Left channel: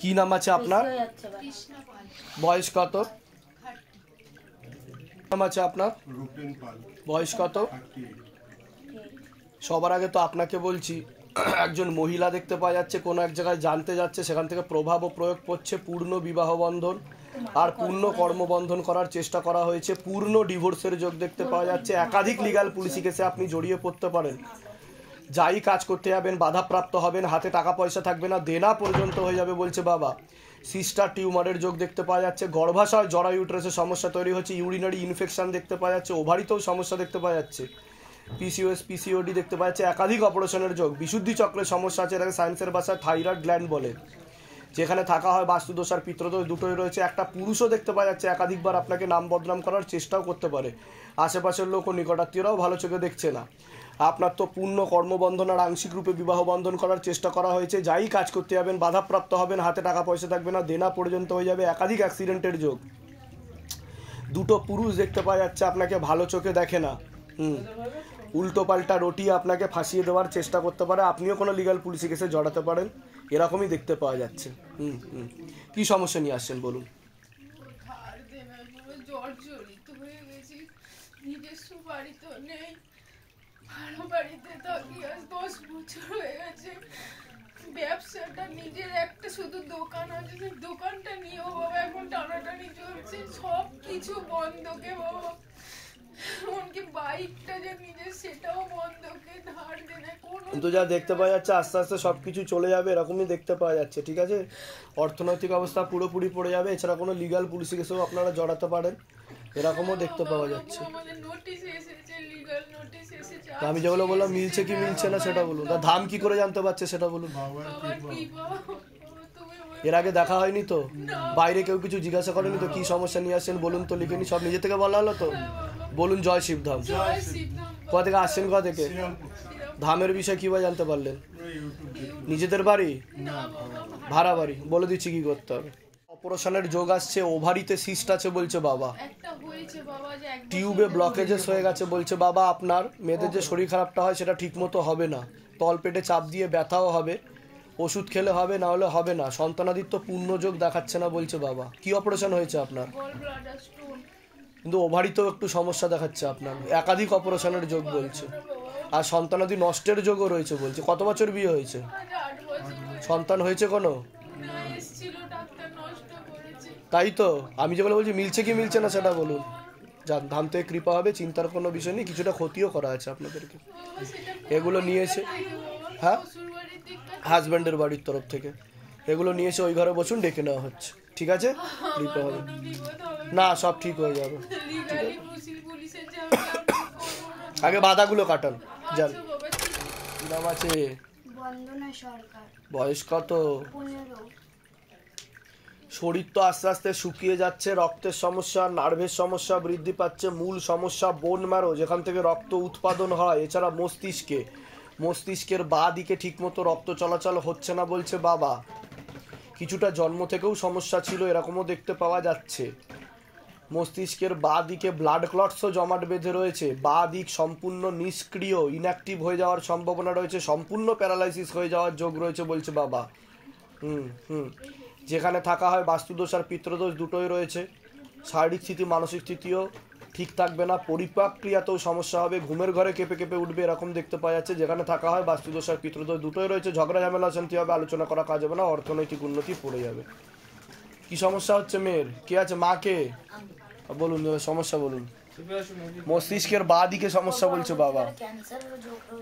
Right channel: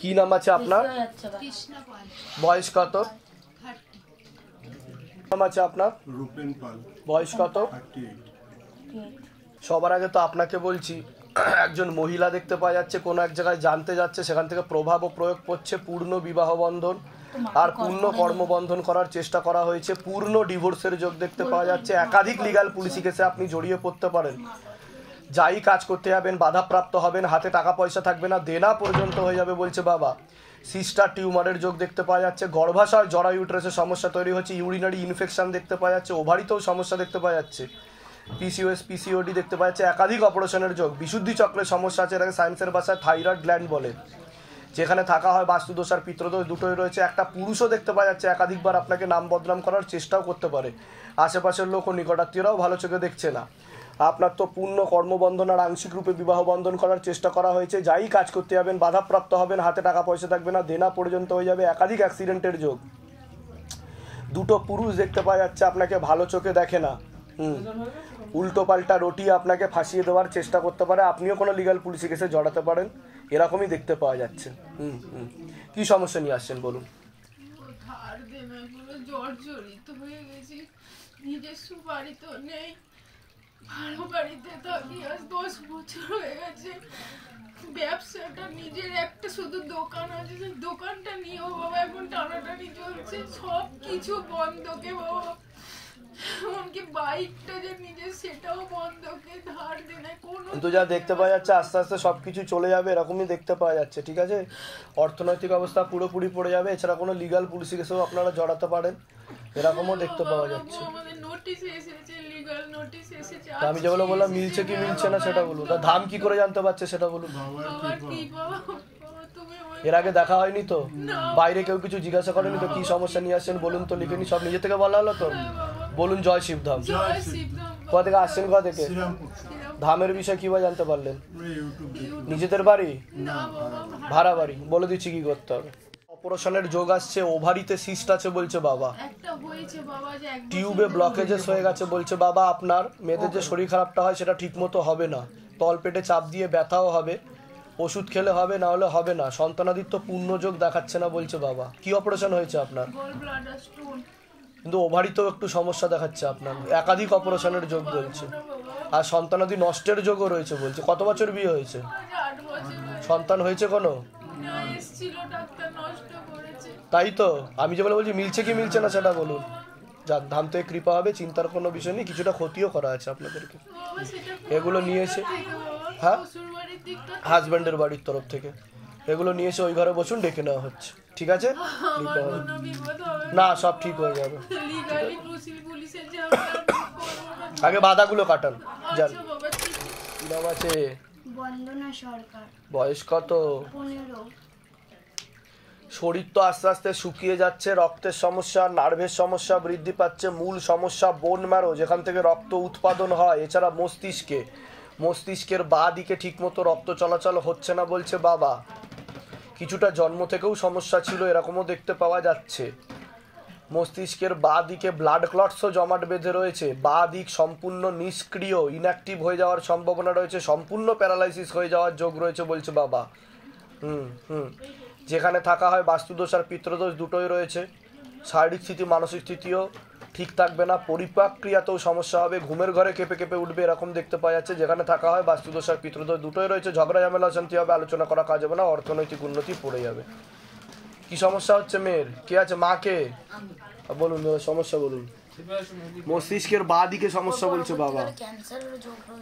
কি নাম আছে আপনার? বয়স কত? নাম আছে আপনার? বয়স কত? সবার আগে তো আপনাকে বলছি, একজন মহিলা দেখতে পাওয়া যাচ্ছে কোনো এক জায়গায় জানতে যাচ্ছে, সেখান থেকে প্রভাব ও প্রয়োগ করছে, পূর্ণ বিবাহ বন্ধন আর পূর্ণ কর্মবন্ধন করার চেষ্টা করা হয়েছে, পূর্ণ ডিভোর্সের যোগ দেখতে পাওয়া যাচ্ছে, একাধিক লিগ্যাল পুলিশি কেসে আপনি জড়িয়ে পড়তে পারেন। যাই কাজ করতে যাবেন বাধাপ্রাপ্ত হবেন, হাতে টাকা পয়সা থাকবে না, দেনা পর্যন্ত হয়ে যাবে বলছে বাবা। সিস্টার টিউমারের যোগ দেখতে পাওয়া যাচ্ছে, গর্ভাশয় জরা ইউট্রাসের সমস্যা তৈরি হচ্ছে, ইউরিনারি ইনফেকশন দেখতে পাওয়া যাচ্ছে, ওভারিতেও সমস্যা দেখতে পাওয়া যাচ্ছে, পিসিওএস পিসিওডি দেখতে পাওয়া যাচ্ছে, একাধিক অপারেশনের যোগ, বিশুদ্ধি চক্রের সমস্যা আছে, এটাকে সায়েন্সের ভাষায় থাইরয়েড গ্ল্যান্ড বলে, যেখানে থাকা হয় বাস্তুদোষ আর পিত্রদোষ দুটোই রয়েছে। একটা পুরুষও দেখতে পাওয়া যাচ্ছে একাধিকবার আপনাকে নাম বদনাম করার চেষ্টাও করতে পারে, আশেপাশের লোক ও নিকটাত্মীয়রাও ভালো চোখে দেখছে না। আপনার তো পূর্ণ কর্মবন্ধন আর আংশিক রূপে বিবাহ বন্ধন করার চেষ্টা করা হয়েছে, যাই কাজ করতে যাবেন বাধাপ্রাপ্ত হবেন, হাতে টাকা পয়সা থাকবে না, দেনা পর্যন্ত হয়ে যাবে, একাধিক অ্যাক্সিডেন্টের যোগ। দুটো পুরুষ দেখতে পাওয়া যাচ্ছে আপনাকে ভালো চোখে দেখে না, উল্টো পাল্টা রটিয়ে আপনাকে ফাঁসিয়ে দেওয়ার চেষ্টা করতে পারে, আপনিও কোনো লিগ্যাল পুলিশি কেসে জড়াতে পারেন, এরকমই দেখতে পাওয়া যাচ্ছে। কি সমস্যা নিয়ে আসছেন বলুন? জর্জরিত হয়ে গেছি, নিজস্ব বাড়ি তো নেই, ভাড়া বাড়িতে থাকি, আজ 10 বছর হয়ে গেছে। ব্যবসাটা নিজের একটা শুধু দোকান আছে, সেই দোকানটা নিয়েও বাবা এখন টানাটানি চলছে, সব কিছু বন্ধকে বাবা, এমনকি বাইকটা যে নিজের সেটাও বন্ধকে, ধার দেনে কোনো। কিন্তু যা দেখতে পাওয়া যাচ্ছে আস্তে আস্তে সব কিছু চলে যাবে, এরকমই দেখতে পাওয়া যাচ্ছে, ঠিক আছে? অর্থনৈতিক অবস্থা পুরোপুরি পড়ে যাবে, এছাড়া কোনো লিগ্যাল পুলিশি কেসেও আপনারা জড়াতে পারেন, এরকমও দেখতে পাওয়া যাচ্ছে। আমি যেগুলো বললাম মিলছে কি মিলছে না সেটা বলুন, তা ধাম কি করে জানতে পারছে সেটা বলুন। এর আগে দেখা হয়নি তো, বাইরে কেউ কিছু জিজ্ঞাসা করেনি তো কি সমস্যা নিয়ে আসছেন বলুন তো, লিখেনি, সব নিজে থেকে বলা হলো তো। বলুন জয় শিবধাম। কোথা থেকে আসছেন, কোথা থেকে? ধামের বিষয়ে কিভাবে জানতে পারলেন? নিজেদের বাড়ি, ভাড়া বাড়ি? বলে দিচ্ছি কি করতে হবে। অপারেশনের যোগ আসছে, ওভারিতে সিস্ট আছে বলছে বাবা, টিউবে ব্লকেজেস হয়ে গেছে বলছে বাবা, আপনার মেয়েদের যে শরীর খারাপটা হয় সেটা ঠিক মতো হবে না, তলপেটে চাপ দিয়ে ব্যথাও হবে, ওষুধ খেলে হবে, না হলে হবে না, সন্তানাদিত্য পূর্ণ যোগ দেখাচ্ছে না বলছে বাবা। কি অপারেশন হয়েছে আপনার? কিন্তু ওভারিতেও একটু সমস্যা দেখাচ্ছে আপনার, একাধিক অপারেশনের যোগ বলছে, আর সন্তানাদি নষ্টের যোগও রয়েছে বলছে। কত বছর বিয়ে হয়েছে? সন্তান হয়েছে কোনো? তাই তো আমি যেগুলো বলছি মিলছে কি মিলছে না সেটা বলুন। যান, ধাম থেকে কৃপা হবে, চিন্তার কোনো বিষয় নেই, কিছুটা ক্ষতিও করা আছে আপনাদেরকে। এগুলো নিয়ে এসে, হ্যাঁ, হাজব্যান্ডের বাড়ির তরফ থেকে এগুলো নিয়ে এসে ওই ঘরে বসুন, ডেকে নেওয়া হচ্ছে, ঠিক আছে? কৃপা হবে না, সব ঠিক হয়ে যাবে। আগে বাধাগুলো কাটান, যান। কি নাম আছে? বন্দনা সরকার। বয়স কত? 15। শরীর তো আস্তে আস্তে শুকিয়ে যাচ্ছে, রক্তের সমস্যা, নার্ভের সমস্যা বৃদ্ধি পাচ্ছে, মূল সমস্যা বোন ম্যারো, যেখান থেকে রক্ত উৎপাদন হয়, এছাড়া মস্তিষ্কের বাঁ দিকে ঠিকমতো রক্ত চলাচল হচ্ছে না বলছে বাবা। কিছুটা জন্ম থেকেও সমস্যা ছিল এরকমও দেখতে পাওয়া যাচ্ছে। মস্তিষ্কের বাঁ দিকে ব্লাড ক্লটসও জমাট বেঁধে রয়েছে, বাঁ দিক সম্পূর্ণ নিষ্ক্রিয়, ইনঅ্যাক্টিভ হয়ে যাওয়ার সম্ভাবনা রয়েছে, সম্পূর্ণ প্যারালাইসিস হয়ে যাওয়ার যোগ রয়েছে বলছে বাবা। যেখানে থাকা হয় বাস্তুদোষ আর পিত্রদোষ দুটোই রয়েছে, শারীরিক স্থিতি মানসিক স্থিতিও ঠিক থাকবে না, পরিপাক ক্রিয়াতেও সমস্যা হবে, ঘুমের ঘরে কেঁপে কেঁপে উঠবে, এরকম দেখতে পাওয়া যাচ্ছে। যেখানে থাকা হয় বাস্তুদোষ আর পিত্রদোষ দুটোই রয়েছে, ঝগড়া ঝামেলা অশান্তি হবে, আলোচনা করা কাজ হবে না, অর্থনৈতিক উন্নতি পড়ে যাবে। কি সমস্যা হচ্ছে মেয়ের? কে আছে? মাকে বলুন, সমস্যা বলুন। মস্তিষ্কের বাঁ দিকে সমস্যা বলছে বাবা,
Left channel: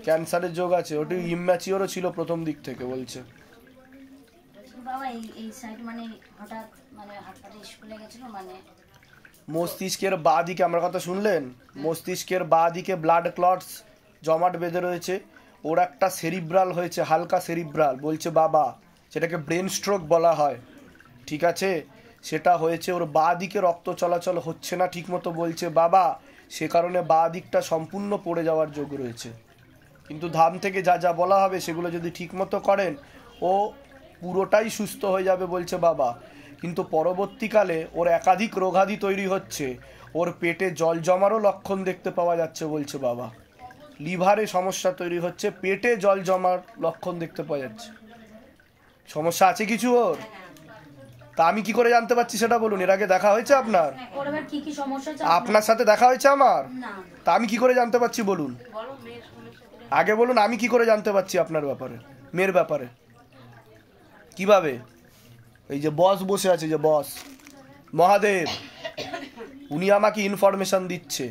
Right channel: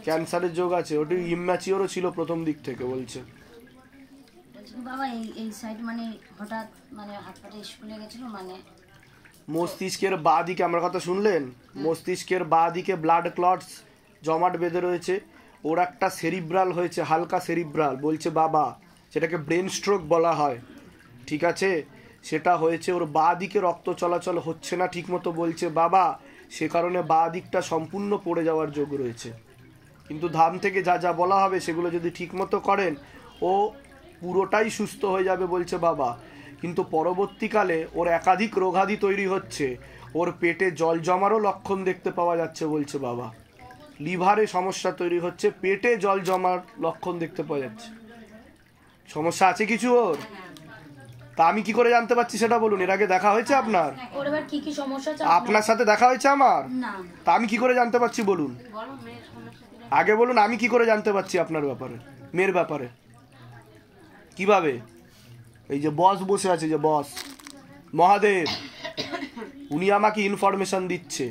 ক্যান্সারের যোগ আছে, ওটি ইম্যাচিওরও ছিল প্রথম দিক থেকে বলছে বাবা। এই সাইড মানে হঠাৎ মানে হাত পাটা স্কুলে গেছিল, মানে মস্তিষ্কের বাঁ দিকে, আমার কথা শুনলেন? মস্তিষ্কের বাঁ দিকে ব্লাড ক্লটস জমাট বেঁধে রয়েছে, ওর একটা সেরিব্রাল হয়েছে, হালকা সেরিব্রাল বলছে বাবা, সেটাকে ব্রেন স্ট্রোক বলা হয়, ঠিক আছে? সেটা হয়েছে, ওর বাঁ দিকে রক্ত চলাচল হচ্ছে না ঠিকমতো বলছে বাবা, সে কারণে বাঁ দিকটা সম্পূর্ণ পড়ে যাওয়ার যোগ রয়েছে। কিন্তু ধাম থেকে যা যা বলা হবে সেগুলো যদি ঠিকমতো করেন ও পুরোটাই সুস্থ হয়ে যাবে বলছে বাবা। কিন্তু পরবর্তীকালে ওর একাধিক রোগাদি তৈরি হচ্ছে, ওর পেটে জল জমারও লক্ষণ দেখতে পাওয়া যাচ্ছে বলছে বাবা, লিভারে সমস্যা তৈরি হচ্ছে, পেটে জল জমার লক্ষণ দেখতে পাওয়া যাচ্ছে। সমস্যা আছে কিছু ওর? তা আমি কি করে জানতে পারছি সেটা বলুন। এর আগে দেখা হয়েছে আপনার? ওর এবার কি কি সমস্যা আছে আপনার সাথে দেখা হয়েছে আমার? না। তা আমি কি করে জানতে পারছি বলুন? আগে বলুন আমি কি করে জানতে পারছি আপনার ব্যাপারে, মেয়ের ব্যাপারে? কিভাবে? এই যে বস বসে আছে, যে বস মহাদেব, উনি আমাকে ইনফরমেশন দিচ্ছে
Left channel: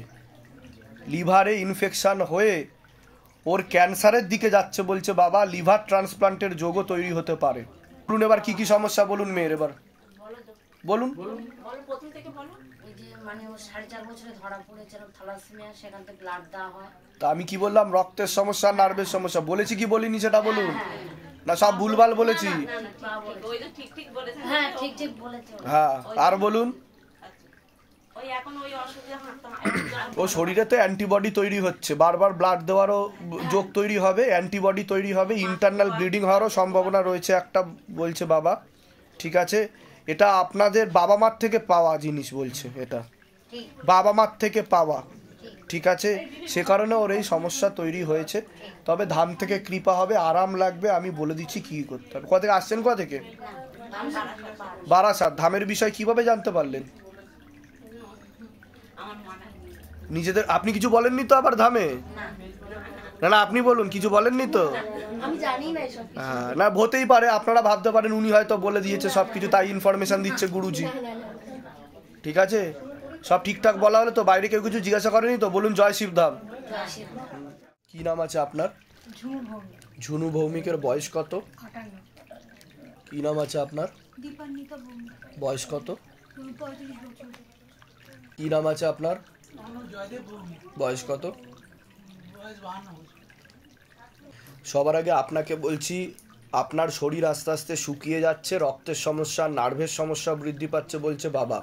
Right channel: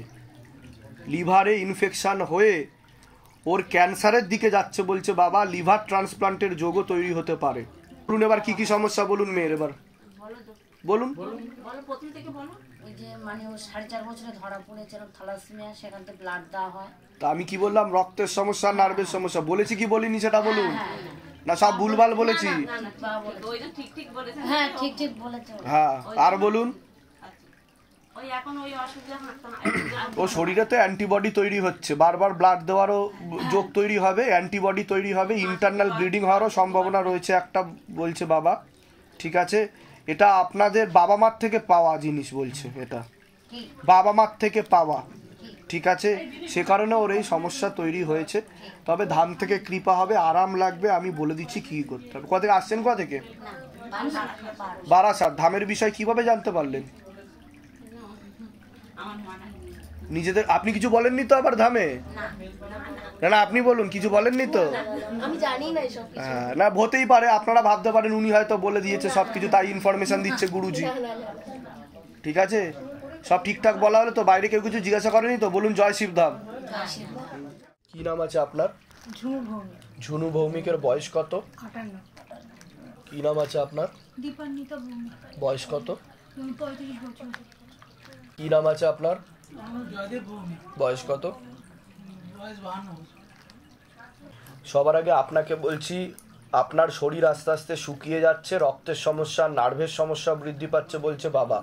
লিভারে ইনফেকশন হয়ে ওর ক্যান্সারের দিকে যাচ্ছে বলছে বাবা, লিভার ট্রান্সপ্লান্টের যোগও তৈরি হতে পারে। বলুন এবার কি কি সমস্যা বলুন মেয়ের, এবার বলুন। ওই যে মানে ও 4.5 বছরে ধরা পড়েছে থ্যালাসেমিয়া, সেখান থেকে ব্লাড দেওয়া হয়। তা আমি কি বললাম? রক্তের সমস্যা, নার্ভের সমস্যা বলেছি কি বলিনি সেটা বলুন। না সব ভুলভাল বলেছি? হ্যাঁ ঠিক ঠিক বলেছে। হ্যাঁ আর বলুন। ও শরীরে তো অ্যান্টিবডি তৈরি হচ্ছে, বারবার ব্লাড দেওয়ারও যোগ তৈরি হবে, অ্যান্টিবডি তৈরি হবে, ইন্টারনাল ব্লিডিং হওয়ারও সম্ভাবনা রয়েছে একটা বলছে বাবা। ঠিক আছে, এটা আপনাদের বাবা মার থেকে পাওয়া জিনিস বলছে, এটা বাবা মার থেকে পাওয়া। ঠিক আছে, সে কারণে ওর এই সমস্যা তৈরি হয়েছে। তবে ধাম থেকে কৃপা হবে, আরাম লাগবে, আমি বলে দিচ্ছি কি করতে হবে। কোথা থেকে আসছেন? কোথা থেকে? বারাসাত। ধামের বিষয় কিভাবে জানতে পারলেন? নিজেদের আপনি কিছু বলেননি তো আবার ধামে? না না আপনি বলুন, কিছু বলেননি তো? আমি জানি না এসব। হ্যাঁ না হতেই পারে, আপনারা ভাবতে পারেন উনি হয়তো বলে দিয়েছে সবকিছু, তাই ইনফরমেশন দিচ্ছে গুরুজি। ঠিক আছে, সব ঠিকঠাক বলা হলে তো? বাইরে কেউ কিছু জিজ্ঞাসা করেনি তো? বলুন জয় শিবধাম। কি নাম আছে আপনার? ঝুনু ভৌমিক। ঝুনু ভৌমিকের বয়স কত? 58। কি নাম আছে আপনার? দীপান্বিতা ভৌমিক। বয়স কত? 35 বছর। কি নাম আছে আপনার? বয়স কত? সবার আগে আপনাকে বলছি, আপনার শরীর আস্তে আস্তে শুকিয়ে যাচ্ছে, রক্তের সমস্যা, নার্ভের সমস্যা বৃদ্ধি পাচ্ছে বলছে বাবা।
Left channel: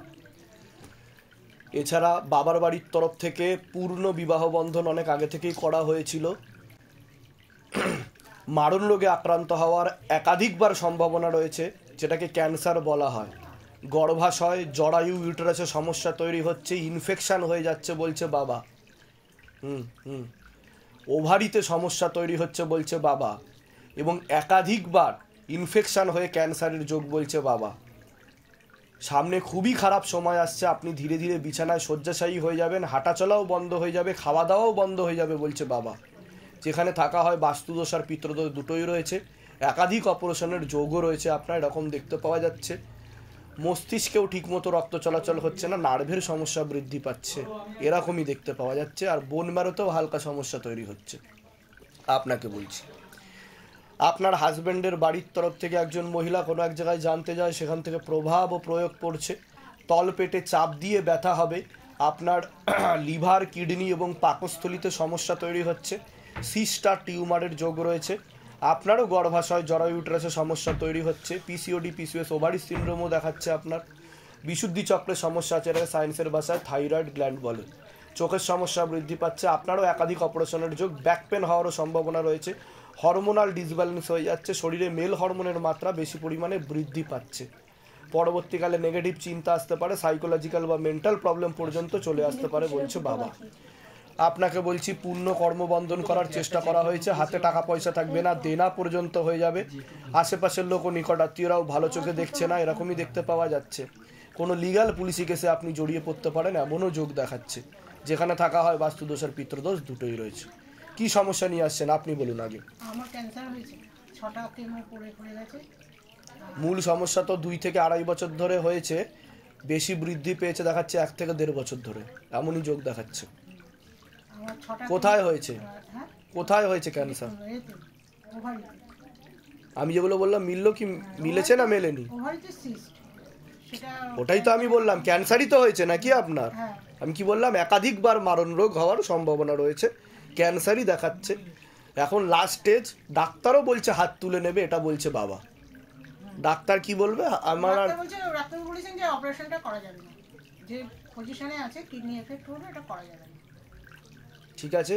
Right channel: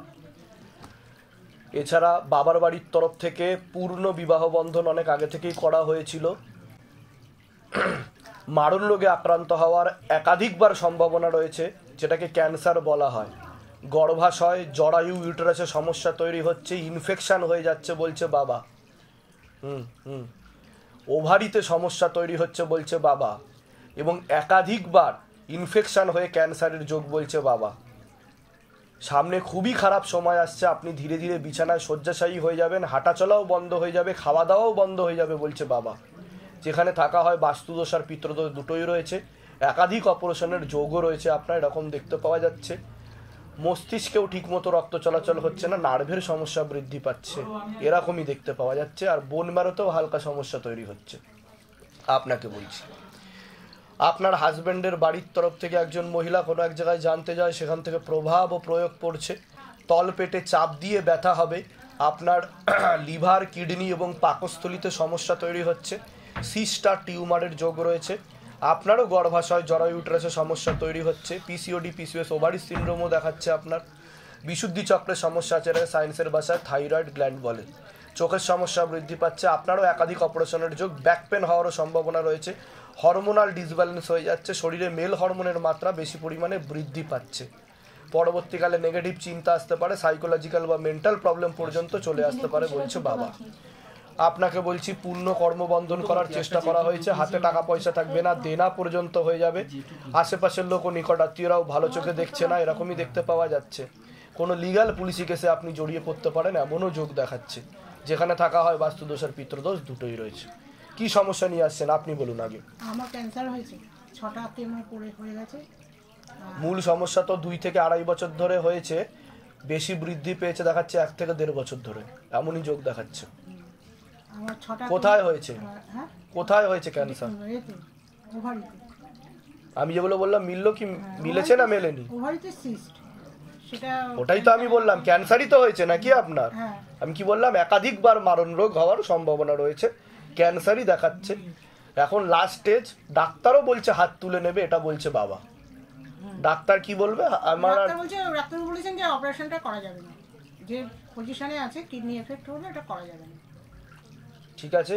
এছাড়া বাবার বাড়ির তরফ থেকে পূর্ণ বিবাহ বন্ধন অনেক আগে থেকেই করা হয়েছিল। মারণ রোগে আক্রান্ত হওয়ার একাধিকবার সম্ভাবনা রয়েছে, যেটাকে ক্যান্সার বলা হয়। গর্ভাশয়, জরায়ু, ইউটেরাসে সমস্যা তৈরি হচ্ছে, ইনফেকশন হয়ে যাচ্ছে বলছে বাবা। ওভারিতে সমস্যা তৈরি হচ্ছে বলছে বাবা, এবং একাধিকবার ইনফেকশন হয়ে ক্যান্সারের যোগ বলছে বাবা। সামনে খুবই খারাপ সময় আসছে, আপনি ধীরে ধীরে বিছানায় শয্যাশায়ী হয়ে যাবেন, হাঁটাচলাও বন্ধ হয়ে যাবে, খাওয়া দাওয়াও বন্ধ হয়ে যাবে বলছে বাবা। যেখানে থাকা হয় বাস্তুদোষ আর পিতৃদোষ দুটোই রয়েছে, একাধিক অপারেশনের যোগও রয়েছে আপনার, এরকম দেখতে পাওয়া যাচ্ছে। মস্তিষ্কেও ঠিকমতো রক্ত চলাচল হচ্ছে না, নার্ভের সমস্যা বৃদ্ধি পাচ্ছে, এরকমই দেখতে পাওয়া যাচ্ছে। আর বোন ম্যারোতেও হালকা সমস্যা তৈরি হচ্ছে। আপনাকে বলছি, আপনার হাজব্যান্ডের বাড়ির তরফ থেকে একজন মহিলা কোনো এক জায়গায় জানতে যায়, সেখান থেকে প্রভাব ও প্রয়োগ পড়ছে, তল পেটে চাপ দিয়ে ব্যথা হবে, আপনার লিভার, কিডনি এবং পাকস্থলিতে সমস্যা তৈরি হচ্ছে, সিস্টার টিউমারের যোগ রয়েছে, আপনারও গর্ভাশয়, জরায়ু, ইউটেরাসে সমস্যা তৈরি হচ্ছে, পিসিওডি, পিসিওএস, ওভারি সিনড্রোমও দেখাচ্ছে আপনার, বিশুদ্ধি চক্রের সমস্যা আছে, এটাকে সায়েন্সের ভাষায় থাইরয়েড গ্ল্যান্ড বলে, চোখের সমস্যা বৃদ্ধি পাচ্ছে, আপনারও একাধিক অপারেশনের যোগ, ব্যাক পেন হওয়ারও সম্ভাবনা রয়েছে, হরমোনাল ডিসব্যালেন্স হয়ে যাচ্ছে, শরীরে মেল হরমোনের মাত্রা বেশি পরিমাণে বৃদ্ধি পাচ্ছে, পরবর্তীকালে নেগেটিভ চিন্তা আসতে পারে, সাইকোলজিক্যাল বা মেন্টাল প্রবলেম পর্যন্ত চলে আসতে পারে বলছে বাবা। আপনাকে বলছি পূর্ণ কর্মবন্ধন করার চেষ্টা করা হয়েছে, হাতে টাকা পয়সা থাকবে না, দেনা পর্যন্ত হয়ে যাবে, আশেপাশের লোক ও নিকট আত্মীয়রাও ভালো চোখে দেখছে না, এরকমই দেখতে পাওয়া যাচ্ছে। কোনো লিগ্যাল পুলিশি কেসে আপনি জড়িয়ে পড়তে পারেন এমনও যোগ দেখাচ্ছে। যেখানে থাকা হয় বাস্তুদোষ আর পিতৃদোষ দুটোই রয়েছে। কি সমস্যা নিয়ে আসছেন আপনি বলুন আগে। আমার ক্যান্সার হয়েছে, 6টা কেমো হয়ে গেছে। মূল সমস্যা তো 2 থেকে 2.5 বছর ধরে হয়েছে, বেশি বৃদ্ধি পেয়েছে দেখাচ্ছে 1 থেকে 1.5 বছর ধরে, এমনই যোগ দেখাচ্ছে। আমার 6টা কোথায় হয়েছে? হ্যাঁ কোথায় হয়েছে ক্যান্সার? এতে ওভারিতে। আমি যেগুলো বললাম মিললো কি, মিলেছে না মেলেনি? ওভারিতে সিস্ট, সেটা ওটাই তো আমি বললাম, ক্যান্সারই তো হয়েছে নাকি আপনার? হ্যাঁ। আমি কি বললাম, একাধিকবার মারণ রোগ হওয়ার সম্ভাবনা রয়েছে, ক্যান্সারই দেখাচ্ছে। এখন লাস্ট স্টেজ, ডাক্তারও বলছে হাত তুলে নেবে, এটা বলছে বাবা। ডাক্তার কি বলবে? আমার ডাক্তার বলেছেন যে অপারেশনটা করা যাবে না, যে পজিশনে আছে কিডনি এফেক্ট হবে, এটা করা যাবে না। ঠিক আছে,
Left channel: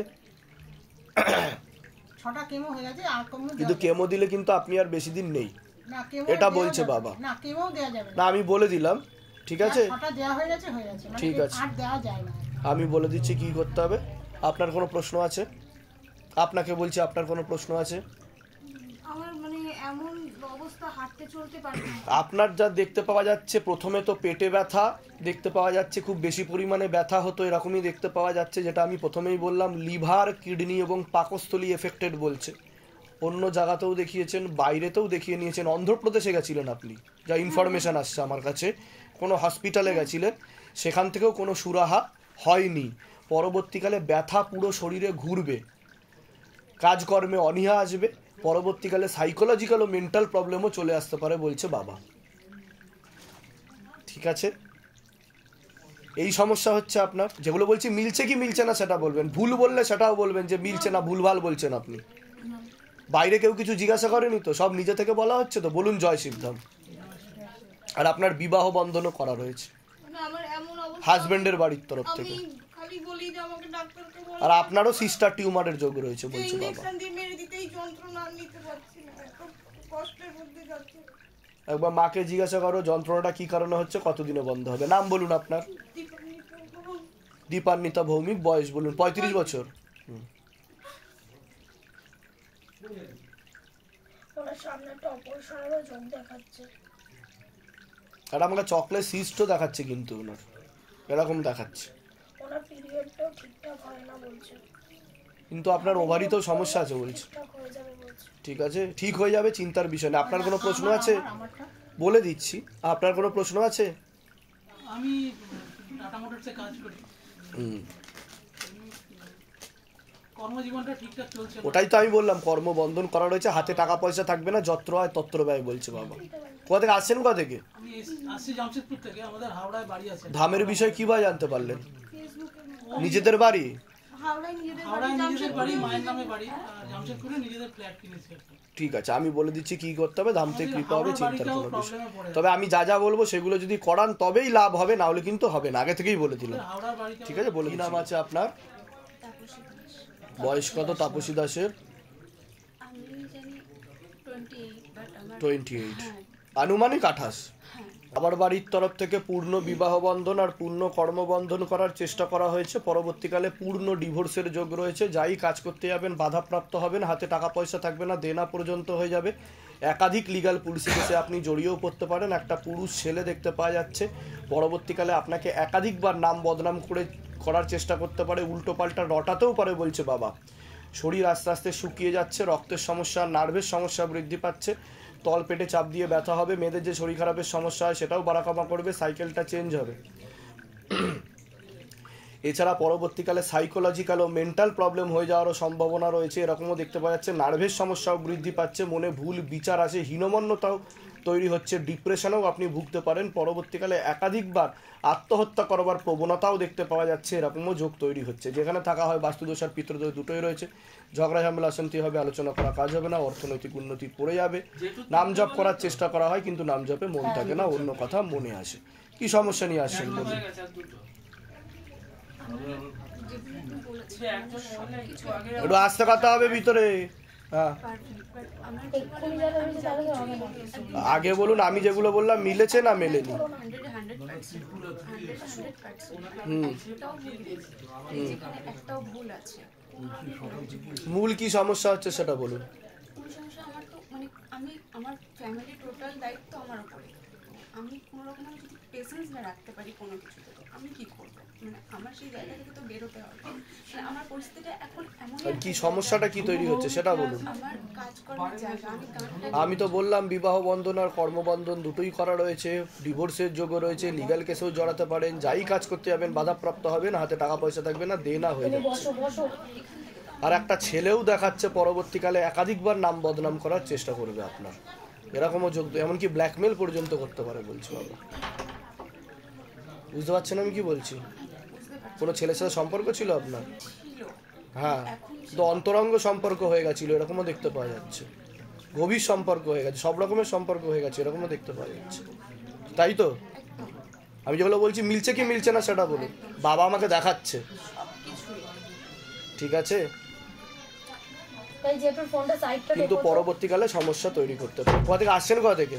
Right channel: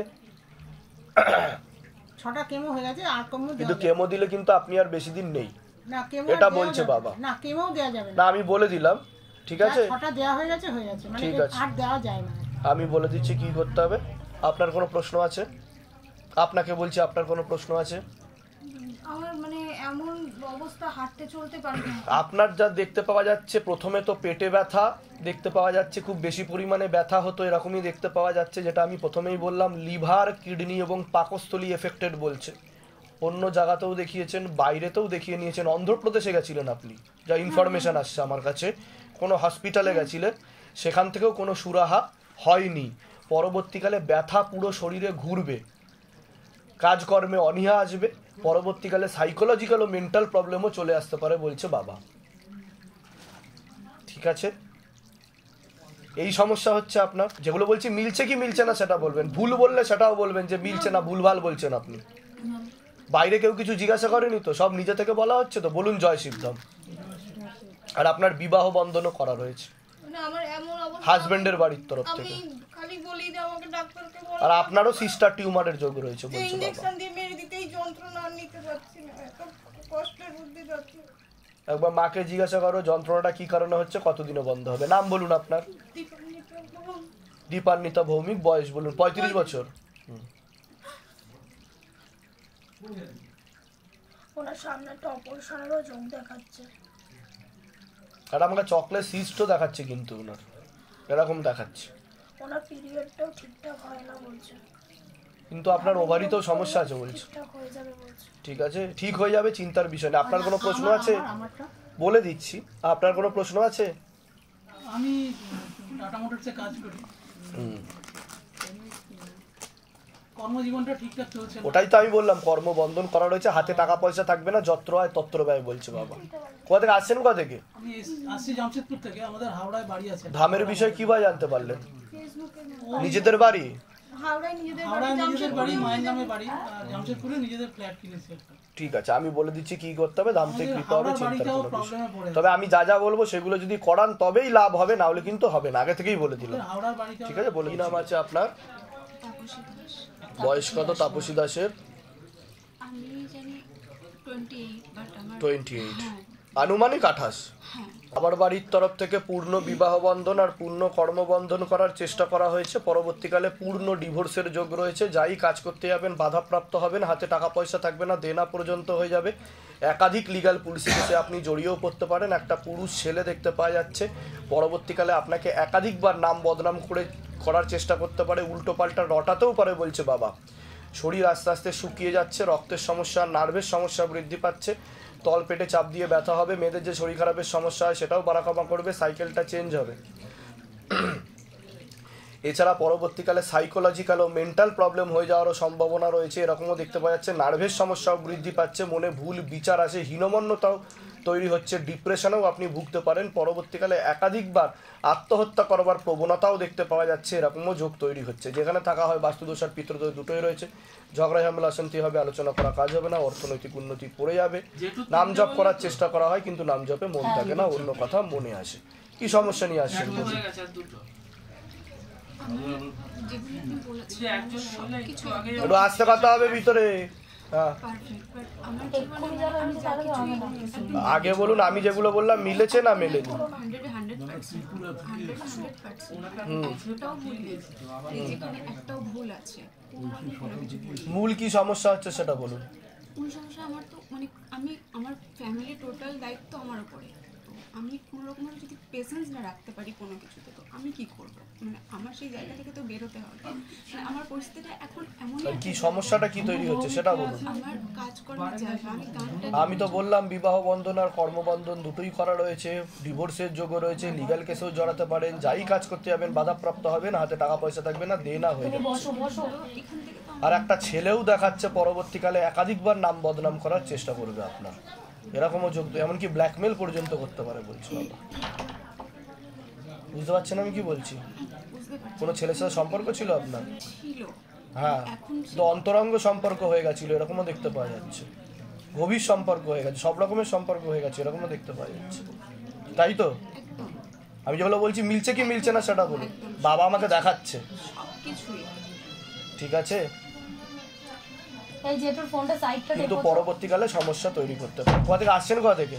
6টা কেমো হয়ে গেছে, আর কেমো কিন্তু কেমো দিলে কিন্তু আপনি আর বেশি দিন নেই, না, কেমো এটা বলছে বাবা। না, কেমো দেওয়া যাবে না আমি বলে দিলাম, ঠিক আছে? 6টা দেওয়া হয়ে গেছে, মানে ঠিক আছে। আর দেওয়া যায় না। আমি বলে দিচ্ছি কি করতে হবে। আপনার কোনো প্রশ্ন আছে? আপনাকে বলছি, আপনার কোনো প্রশ্ন আছে? আমার মানে এমন অবস্থা, হাঁটতে চলতে পারি না। আপনার যা দেখতে পাওয়া যাচ্ছে, প্রথমে তো পেটে ব্যথা দেখতে পাওয়া যাচ্ছে, খুব বেশি পরিমাণে ব্যথা হতো এরকমই দেখতে পাওয়া যাচ্ছে, যেটা আমি প্রথমেই বললাম লিভার, কিডনি এবং পাকস্থলী এফেক্টেড বলছে। অন্য জায়গাতেও দেখিয়েছেন, বাইরেতেও দেখিয়ে নিয়েছেন, অন্ধ্রপ্রদেশে গেছিলেন আপনি, যা ইনফরমেশন আসছে আমার কাছে, কোনো হসপিটালে গেছিলেন, সেখান থেকেও কোনো সুরাহা হয়নি। পরবর্তীকালে ব্যথা পুরো শরীরে ঘুরবে, কাজকর্মে অনীহা আসবে, পরবর্তীকালে সাইকোলজিক্যাল ও মেন্টাল প্রবলেমও চলে আসতে পারে বলছে বাবা। ঠিক আছে, এই সমস্যা হচ্ছে আপনার। যেগুলো বলছি মিলছে কি মিলছে না সেটা বলবেন, ভুল বললে সেটাও বলবেন যে মিলছে না, ভুলভাল বলছেন আপনি। বাইরে কেউ কিছু জিজ্ঞাসা করেনি তো, সব নিজে থেকে বলা হচ্ছে তো, বলুন জয় শিবধাম। আর আপনার বিবাহ বন্ধনও করা রয়েছে মানে আমার এমন অবস্থা, হাজবেন্ডের বাড়ির তরফ আমি থেকে। খালি বলি যে আমাকে ডাক্তারকে বল, আর আপনারও সিস্টার টিউমারের যোগ রয়েছে বলছে বাবা। ইনজেকশন দিয়ে মেরে দিতেই যন্ত্রণা আর নিতে পারছি না, এত কষ্টের মধ্যে যাচ্ছে। একবার মাকে জিজ্ঞাসা করো যন্ত্রণাটা কি কারণে হচ্ছে, কতদিনে বন্ধ হবে। নাম বলুন আপনার। দীপান্বিতা ভৌমিক, বয়স বলুন। 35 বছর। ওনার সামনে একটা অপারেশনেরও যোগ দেখাচ্ছে। আর আমাকে চকলেট সিস্টও দেখাচ্ছে, কিন্তু ওনার এরকম দেখাচ্ছে। ওনার পিরিয়ডটাও ঠিকঠাক হয় না বলছে। কিন্তু আপনার ওভারিতেও সমস্যা আছে বলছে। ঠিকঠাক হয়ে যাবে বলছে। ঠিক আছে, ঠিক হয়ে যাবে, চিন্তার বিষয় না। আপনার কোনো প্রশ্ন আছে? আমারটা বলে দিচ্ছি। আপনার কোনো প্রশ্ন আছে? আমি টাটা মোটরসে কাজ করি, কর্মজীবনটা ঠিকঠাক চলছে না। ওটাই তো আমি বললাম, কর্মবন্ধন করা রয়েছে, হাতে টাকা পয়সা থাকবে না, যত্র হয় তত্র ব্যয় বলছে বাবা। কোথা থেকে আসছেন, কোথা থেকে? আমি আসছি জামশেদপুর থেকে, আমাদের হাওড়ায় বাড়ি আছে। ধামের বিষয় কিভাবে জানতে পারলেন? নিজেদের বাড়ি? হাওড়ায় নিজেদের হাওড়ায় নিজেদের বাড়ি, মায়ের নামে বাড়ি, আর জামশেদপুরে নিজেদের ফ্ল্যাট কিনেছি একটা। ঠিক আছে, আমি বলে দিচ্ছি কি করতে হবে, ধাম থেকে কৃপা হবে, হাওড়ার চিন্তার বাড়িটাও কোনো বিষয়। প্রবলেমে পড়ে তবে আমি যা যা বলবো সেগুলো যদি করান তবেই লাভ হবে, না হলে কিন্তু হবে না, আগে থেকেই বলে দিলাম। হাওড়ার বাড়িটা ঠিক আছে, বলে। কি নাম আছে আপনার? বয়স কত তাপসী দাসের? আমি জানি 28, বাট আমার 28, আনুমানিক 28। আমার বাড়ির তরফ থেকে পূর্ণ বিবাহ বন্ধন আর পূর্ণ কর্মবন্ধন করার চেষ্টা করা হয়েছে। পরবর্তীকালে পূর্ণ ডিভোর্সের যোগ রয়েছে। যাই কাজ করতে যাবেন বাধাপ্রাপ্ত হবেন, হাতে টাকা পয়সা থাকবে না, দেনা পর্যন্ত হয়ে যাবে। একাধিক লিগ্যাল পুলিশি কেসে আপনি জড়িয়েও পড়তে পারেন। একটা পুরুষ ছেলে দেখতে পাওয়া যাচ্ছে, পরবর্তীকালে আপনাকে একাধিকবার নাম বদনাম করার চেষ্টা করতে পারে, উল্টো পাল্টা রটাতেও পারে বলছে বাবা। শরীর আস্তে আস্তে শুকিয়ে যাচ্ছে, রক্তের সমস্যা, নার্ভের সমস্যা বৃদ্ধি পাচ্ছে, তল পেটে চাপ দিয়ে ব্যথা হবে, মেয়েদের যে শরীর খারাপের সমস্যা হয় সেটাও বাড়াকমা করবে, সাইকেলটা চেঞ্জ হবে। এছাড়া পরবর্তীকালে সাইকোলজিক্যাল ও মেন্টাল প্রবলেম হয়ে যাওয়ারও সম্ভাবনা রয়েছে, এরকমও দেখতে পাওয়া যাচ্ছে। নার্ভের সমস্যাও বৃদ্ধি পাচ্ছে, মনে ভুল বিচার আসে, হীনমন্যতাও তৈরি হচ্ছে, ডিপ্রেশনেও আপনি ভুগতে পারেন। পরবর্তীকালে একাধিকবার আত্মহত্যা করবার প্রবণতাও দেখতে পাওয়া যাচ্ছে, এরকমও যোগ তৈরি হচ্ছে। যেখানে থাকা হয় বাস্তুদোষ আর পিতৃদোষ দুটোই রয়েছে। ঝগড়া ঝামেলা অশান্তি হবে, আলোচনা করা কাজ হবে না, অর্থনৈতিক উন্নতি পড়ে যাবে। নাম জপ করার চেষ্টা করা হয় কিন্তু নাম জপে মন থাকে না, অন্য কথা মনে আসে। কি সমস্যা নিয়ে আসছেন? একটু আস্তে কথা হবে ভিতরে। হ্যাঁ, এক্ষুনি যারা হয়েছে তাহলে হবে না। আগে বলুন, আমি যেগুলো বললাম মিলেছে না মেলেনি? একটাও ভুল আছে। মূল কি সমস্যা হচ্ছে সেটা বলুন। কোন সমস্যা? আমার তো মানে আমার ফ্যামিলি টোটাল দায়িত্ব আমার উপরে। আমি কোনো রকমভাবে যদি পেশেন্স না রাখতে পারি কোনো কিছুতে, তো আমি কি করব? মানে আমার সেই জায়গা থেকে তো বেরোতে হবে। মানে আমার পরিস্থিতিটা এখন এমন, কি সমস্যাটা কি তৈরি হচ্ছে সেটা বলুন। আমার কাজকর্মের জায়গা, আমি গানটা আমি তো বললাম বিবাহ বন্ধন আর কর্মবন্ধন দুটোই করা রয়েছে, ডিভোর্সের যোগও রয়েছে, লিগ্যাল কেসেও জড়াতে পারেন। যাই কাজ করতে যাবেন বাধাপ্রাপ্ত হবেন, হাতে টাকা পয়সা থাকবে না, দেনা হয়ে যাচ্ছে। বসো বসো। আর একটা ছেলেও দেখাচ্ছে পরবর্তীকালে একাধিকবার নাম বদনাম করার চেষ্টা করবে আপনার, এরকমও যোগ, এমনকি ব্ল্যাকমেল পর্যন্ত করতে পারে বলছে বাবা। বুঝতে পারছেন আমি কি বলছি? কোনো ছেলের সাথে সম্পর্ক ছিল আপনার? ছিল। হ্যাঁ, তো অন্তরঙ্গ সম্পর্ক হয়ে গেছিল, এরকমও দেখতে পাওয়া যাচ্ছে। গভীর সম্পর্ক হয়ে গেছে, সব রকমের সম্পর্ক হয়ে গেছে, এরকমও দেখতে পাওয়া যাচ্ছে। তাই তো আমি যেগুলো বলছি মিলছে কি মিলছে না সেটা বলুন। বাবা আমাকে দেখাচ্ছে, ঠিক আছে, এই যে তোর ফোনটা সাইডটা কিন্তু দেখো তো। পরবর্তীকালে সমস্যা তৈরি করতে পারে। কোথা থেকে আসছেন, কোথা থেকে?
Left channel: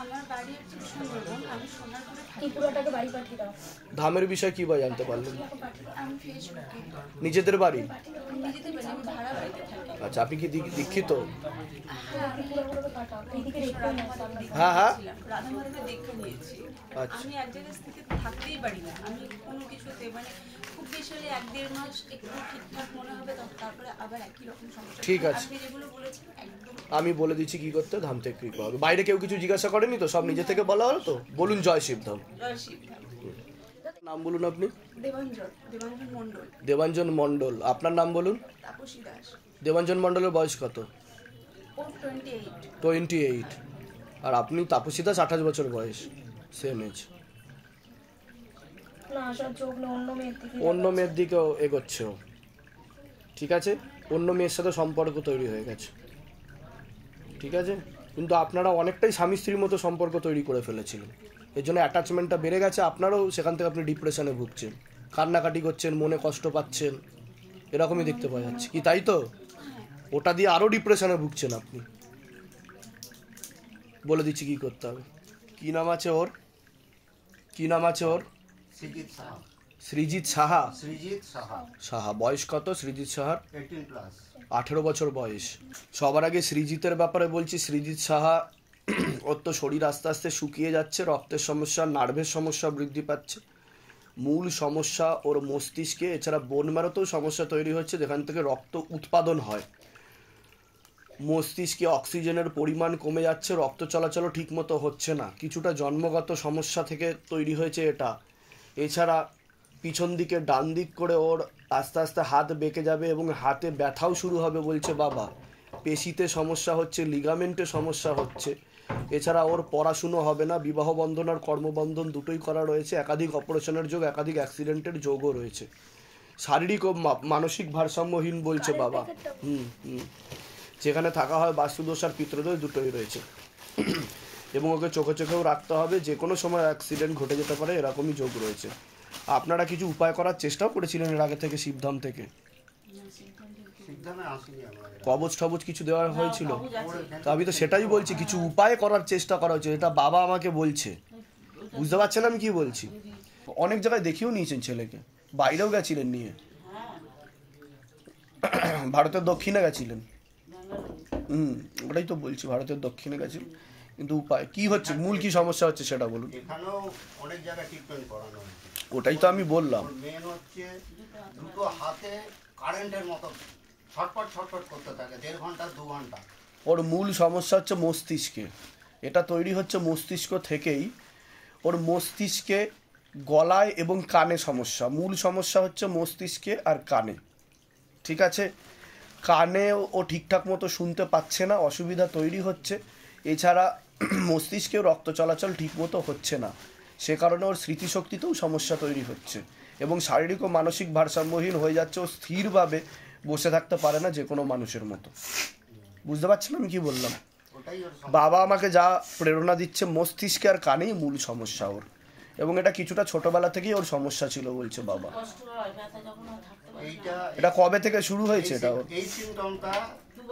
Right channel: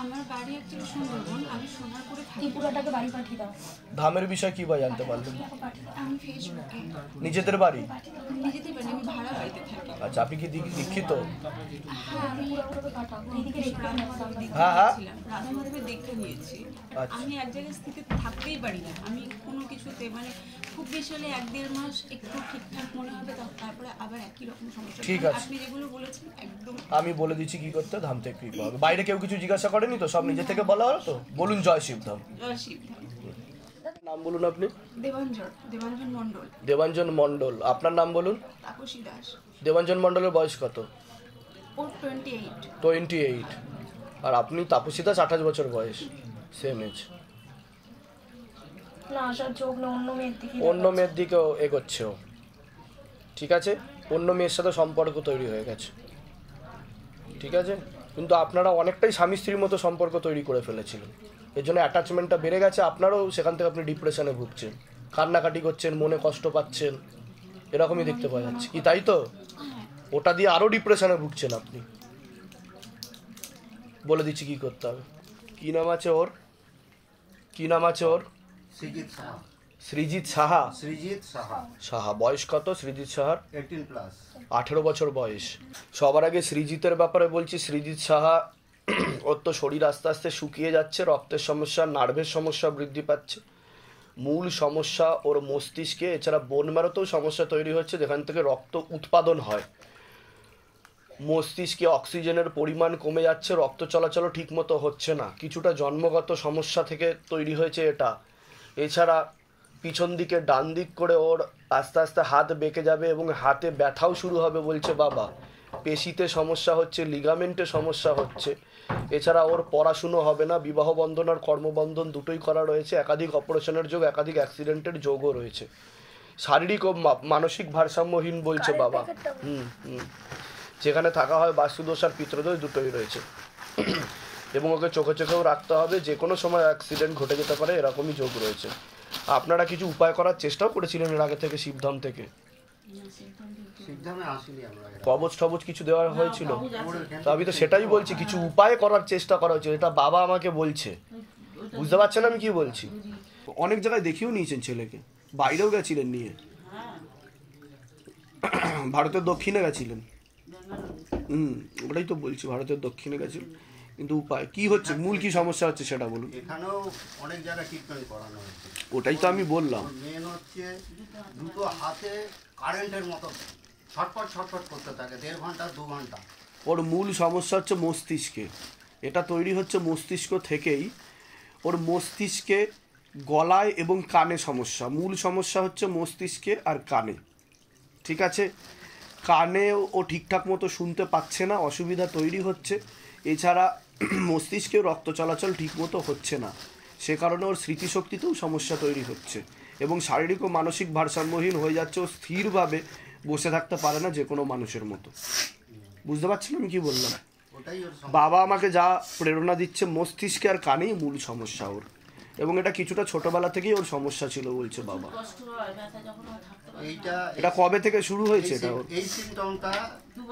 আমার বাড়ি অ্যাকচুয়ালি সুন্দরবন, আমি সোনারপুরে থাকি। ত্রিপুরাটাকে বাড়ি পাঠিয়ে দাও। ধামের বিষয় কি বা জানতে পারলেন? আমি ফেসবুকে নিজেদের বাড়ি? নিজেদের বাড়ি, আমি ভাড়া বাড়িতে থাকি। আচ্ছা, আপনি কি দীক্ষিত? হ্যাঁ, আমি হ্যাঁ হ্যাঁ রাধা মাধবের দীক্ষা নিয়েছি। আচ্ছা। আমি এক জায়গায় স্থিতি থাকতেই পারি না, আমি কোনো কিছুতে মানে খুব বেশি হলে 1-1.5 মাস একটু ঠিকঠাক মনে হবে, তারপরে আবার একই রকম সমস্যা। ঠিক আছে, আপনি যেগুলো বলেছেন একদম আমি বলে দিচ্ছি কি করতে। ধাম থেকে কৃপা হবে। বাইরে কেউ কিছু জিজ্ঞাসা করেনি তো? সব নিজে থেকে বলা হলো তো? বলুন জয় শিবধাম। জয় শিবধাম। নাম বলুন আপনি? দেবাঞ্জন মণ্ডল। দেবাঞ্জন মণ্ডল। আপনার নাম বলুন? তাপসী দাস। দেবাঞ্জন মণ্ডলের বয়স কত? ওর 28। 28। আর আপনি তাপসী দাস 28 বছর বয়স, সেম এজ। না, আসার চোখ না অন্য মেয়ের দিকে। অন্য মেয়ের দিকেও এগোচ্ছে ও। ঠিক আছে, অন্য মেয়ের সাথে সম্পর্ক তৈরি হয়ে গেছে। ঠিক আছে, কিন্তু আপনারা অনেকটাই স্বামী স্ত্রীর মতো সম্পর্ক তৈরি করে ফেলেছিলেন, এর জন্য অ্যাটাচমেন্টটা বেড়ে গেছে। আপনারও সেখান থেকে আপনি ডিপ্রেশনে ভুগছেন, কান্নাকাটি করছেন, মনে কষ্ট পাচ্ছেন, এরকমই দেখতে পাওয়া যাচ্ছে কি, তাই তো? ওটা দিয়ে আরও ডিপ্রেশনে ভুগছেন আপনি। বলে দিচ্ছি কি করতে হবে। কি নাম আছে ওর? কি নাম আছে ওর? সৃজিত সাহা। সৃজিত সাহা। সৃজিত সাহা। সাহা। বয়স কত সৃজিত সাহার? 18+। 18 বছর বয়স। সবার আগে সৃজিতের ব্যাপারে বলছি। সৃজিত সাহা, ওর তো শরীর আস্তে আস্তে শুকিয়ে যাচ্ছে, রক্তের সমস্যা, নার্ভের সমস্যা বৃদ্ধি পাচ্ছে। মূল সমস্যা ওর মস্তিষ্কে, এছাড়া বোন ম্যারোতেও সমস্যা তৈরি হচ্ছে, যেখান থেকে রক্ত উৎপাদন হয়। মস্তিষ্কে অক্সিজেনের পরিমাণ কমে যাচ্ছে, রক্ত চলাচলও ঠিকমতো হচ্ছে না। কিছুটা জন্মগত সমস্যা থেকে তৈরি হয়েছে এটা। এছাড়া পিছন দিকে ডান দিক করে ওর আস্তে আস্তে হাত বেঁকে যাবে এবং হাতে ব্যথাও শুরু হবে বলছে বাবা। পেশিতে সমস্যা হচ্ছে, লিগামেন্টে সমস্যা হচ্ছে। এছাড়া ওর পড়াশুনো হবে না, বিবাহ বন্ধন আর কর্মবন্ধন দুটোই করা রয়েছে। একাধিক অপারেশনের যোগ, একাধিক অ্যাক্সিডেন্টের যোগও রয়েছে। শারীরিক ও মানসিক ভারসাম্যহীন বলছে বাবা। যেখানে থাকা হয় বাস্তুদোষ আর পিতৃদোষ দুটোই রয়েছে। এবং ওকে চোখে চোখেও রাখতে হবে, যে কোনো সময় অ্যাক্সিডেন্ট ঘটে যেতে পারে, এরকমই যোগ রয়েছে। আপনারা কিছু উপায় করার চেষ্টাও করেছিলেন এর আগে থেকে শিবধাম থেকে? শিবধামে আসিনি আমরা। কবচ টবচ কিছু দেওয়া হয়েছিল? তো আমি তো সেটাই বলছি, কিছু উপায় করার চেষ্টা করা হয়েছে, এটা বাবা আমাকে বলছে। বুঝতে পারছেন আমি কি বলছি? অনেক জায়গায় দেখিয়েও নিয়েছেন ছেলেকে, বাইরেও গেছিলেন নিয়ে, ভারতের দক্ষিণে গেছিলেন। ওটাই তো বলছি, ভারতের দক্ষিণে গেছিলেন। কিন্তু উপায় কি হচ্ছে, মূল কি সমস্যা হচ্ছে সেটা বলুন। এখানেও অনেক জায়গায় ট্রিটমেন্ট করানো হয়েছে। ওটাই তো আমি বললাম। মেন হচ্ছে দুটো হাতে কারেন্টের মতো ছটফট ছটফট করতে থাকে 1.5 ঘন্টা 2 ঘন্টা। ওর মূল সমস্যা হচ্ছে মস্তিষ্কে। এটা তৈরি হচ্ছে মস্তিষ্ক থেকেই। ওর মস্তিষ্কে গলায় এবং কানে সমস্যা। মূল সমস্যা হচ্ছে মস্তিষ্কে আর কানে। ঠিক আছে, কানে ও ঠিকঠাক মতো শুনতে পাচ্ছে না, অসুবিধা তৈরি হচ্ছে। এছাড়া মস্তিষ্কেও রক্ত চলাচল ঠিকমতো হচ্ছে না, সে কারণে ওর স্মৃতিশক্তিতেও সমস্যা তৈরি হচ্ছে এবং শারীরিক ও মানসিক ভারসাম্যহীন হয়ে যাচ্ছে। ও স্থিরভাবে বসে থাকতে পারে না যে কোনো মানুষের মতো। বুঝতে পারছেন আমি কি বললাম? বাবা আমাকে যা প্রেরণা দিচ্ছে, মস্তিষ্কে আর কানেই মূল সমস্যা ওর, এবং এটা কিছুটা ছোটবেলা থেকেই ওর সমস্যা ছিল বলছে বাবা। এটা কবে থেকে শুরু হয়েছে? এটা ওর এই সিমটমটা 2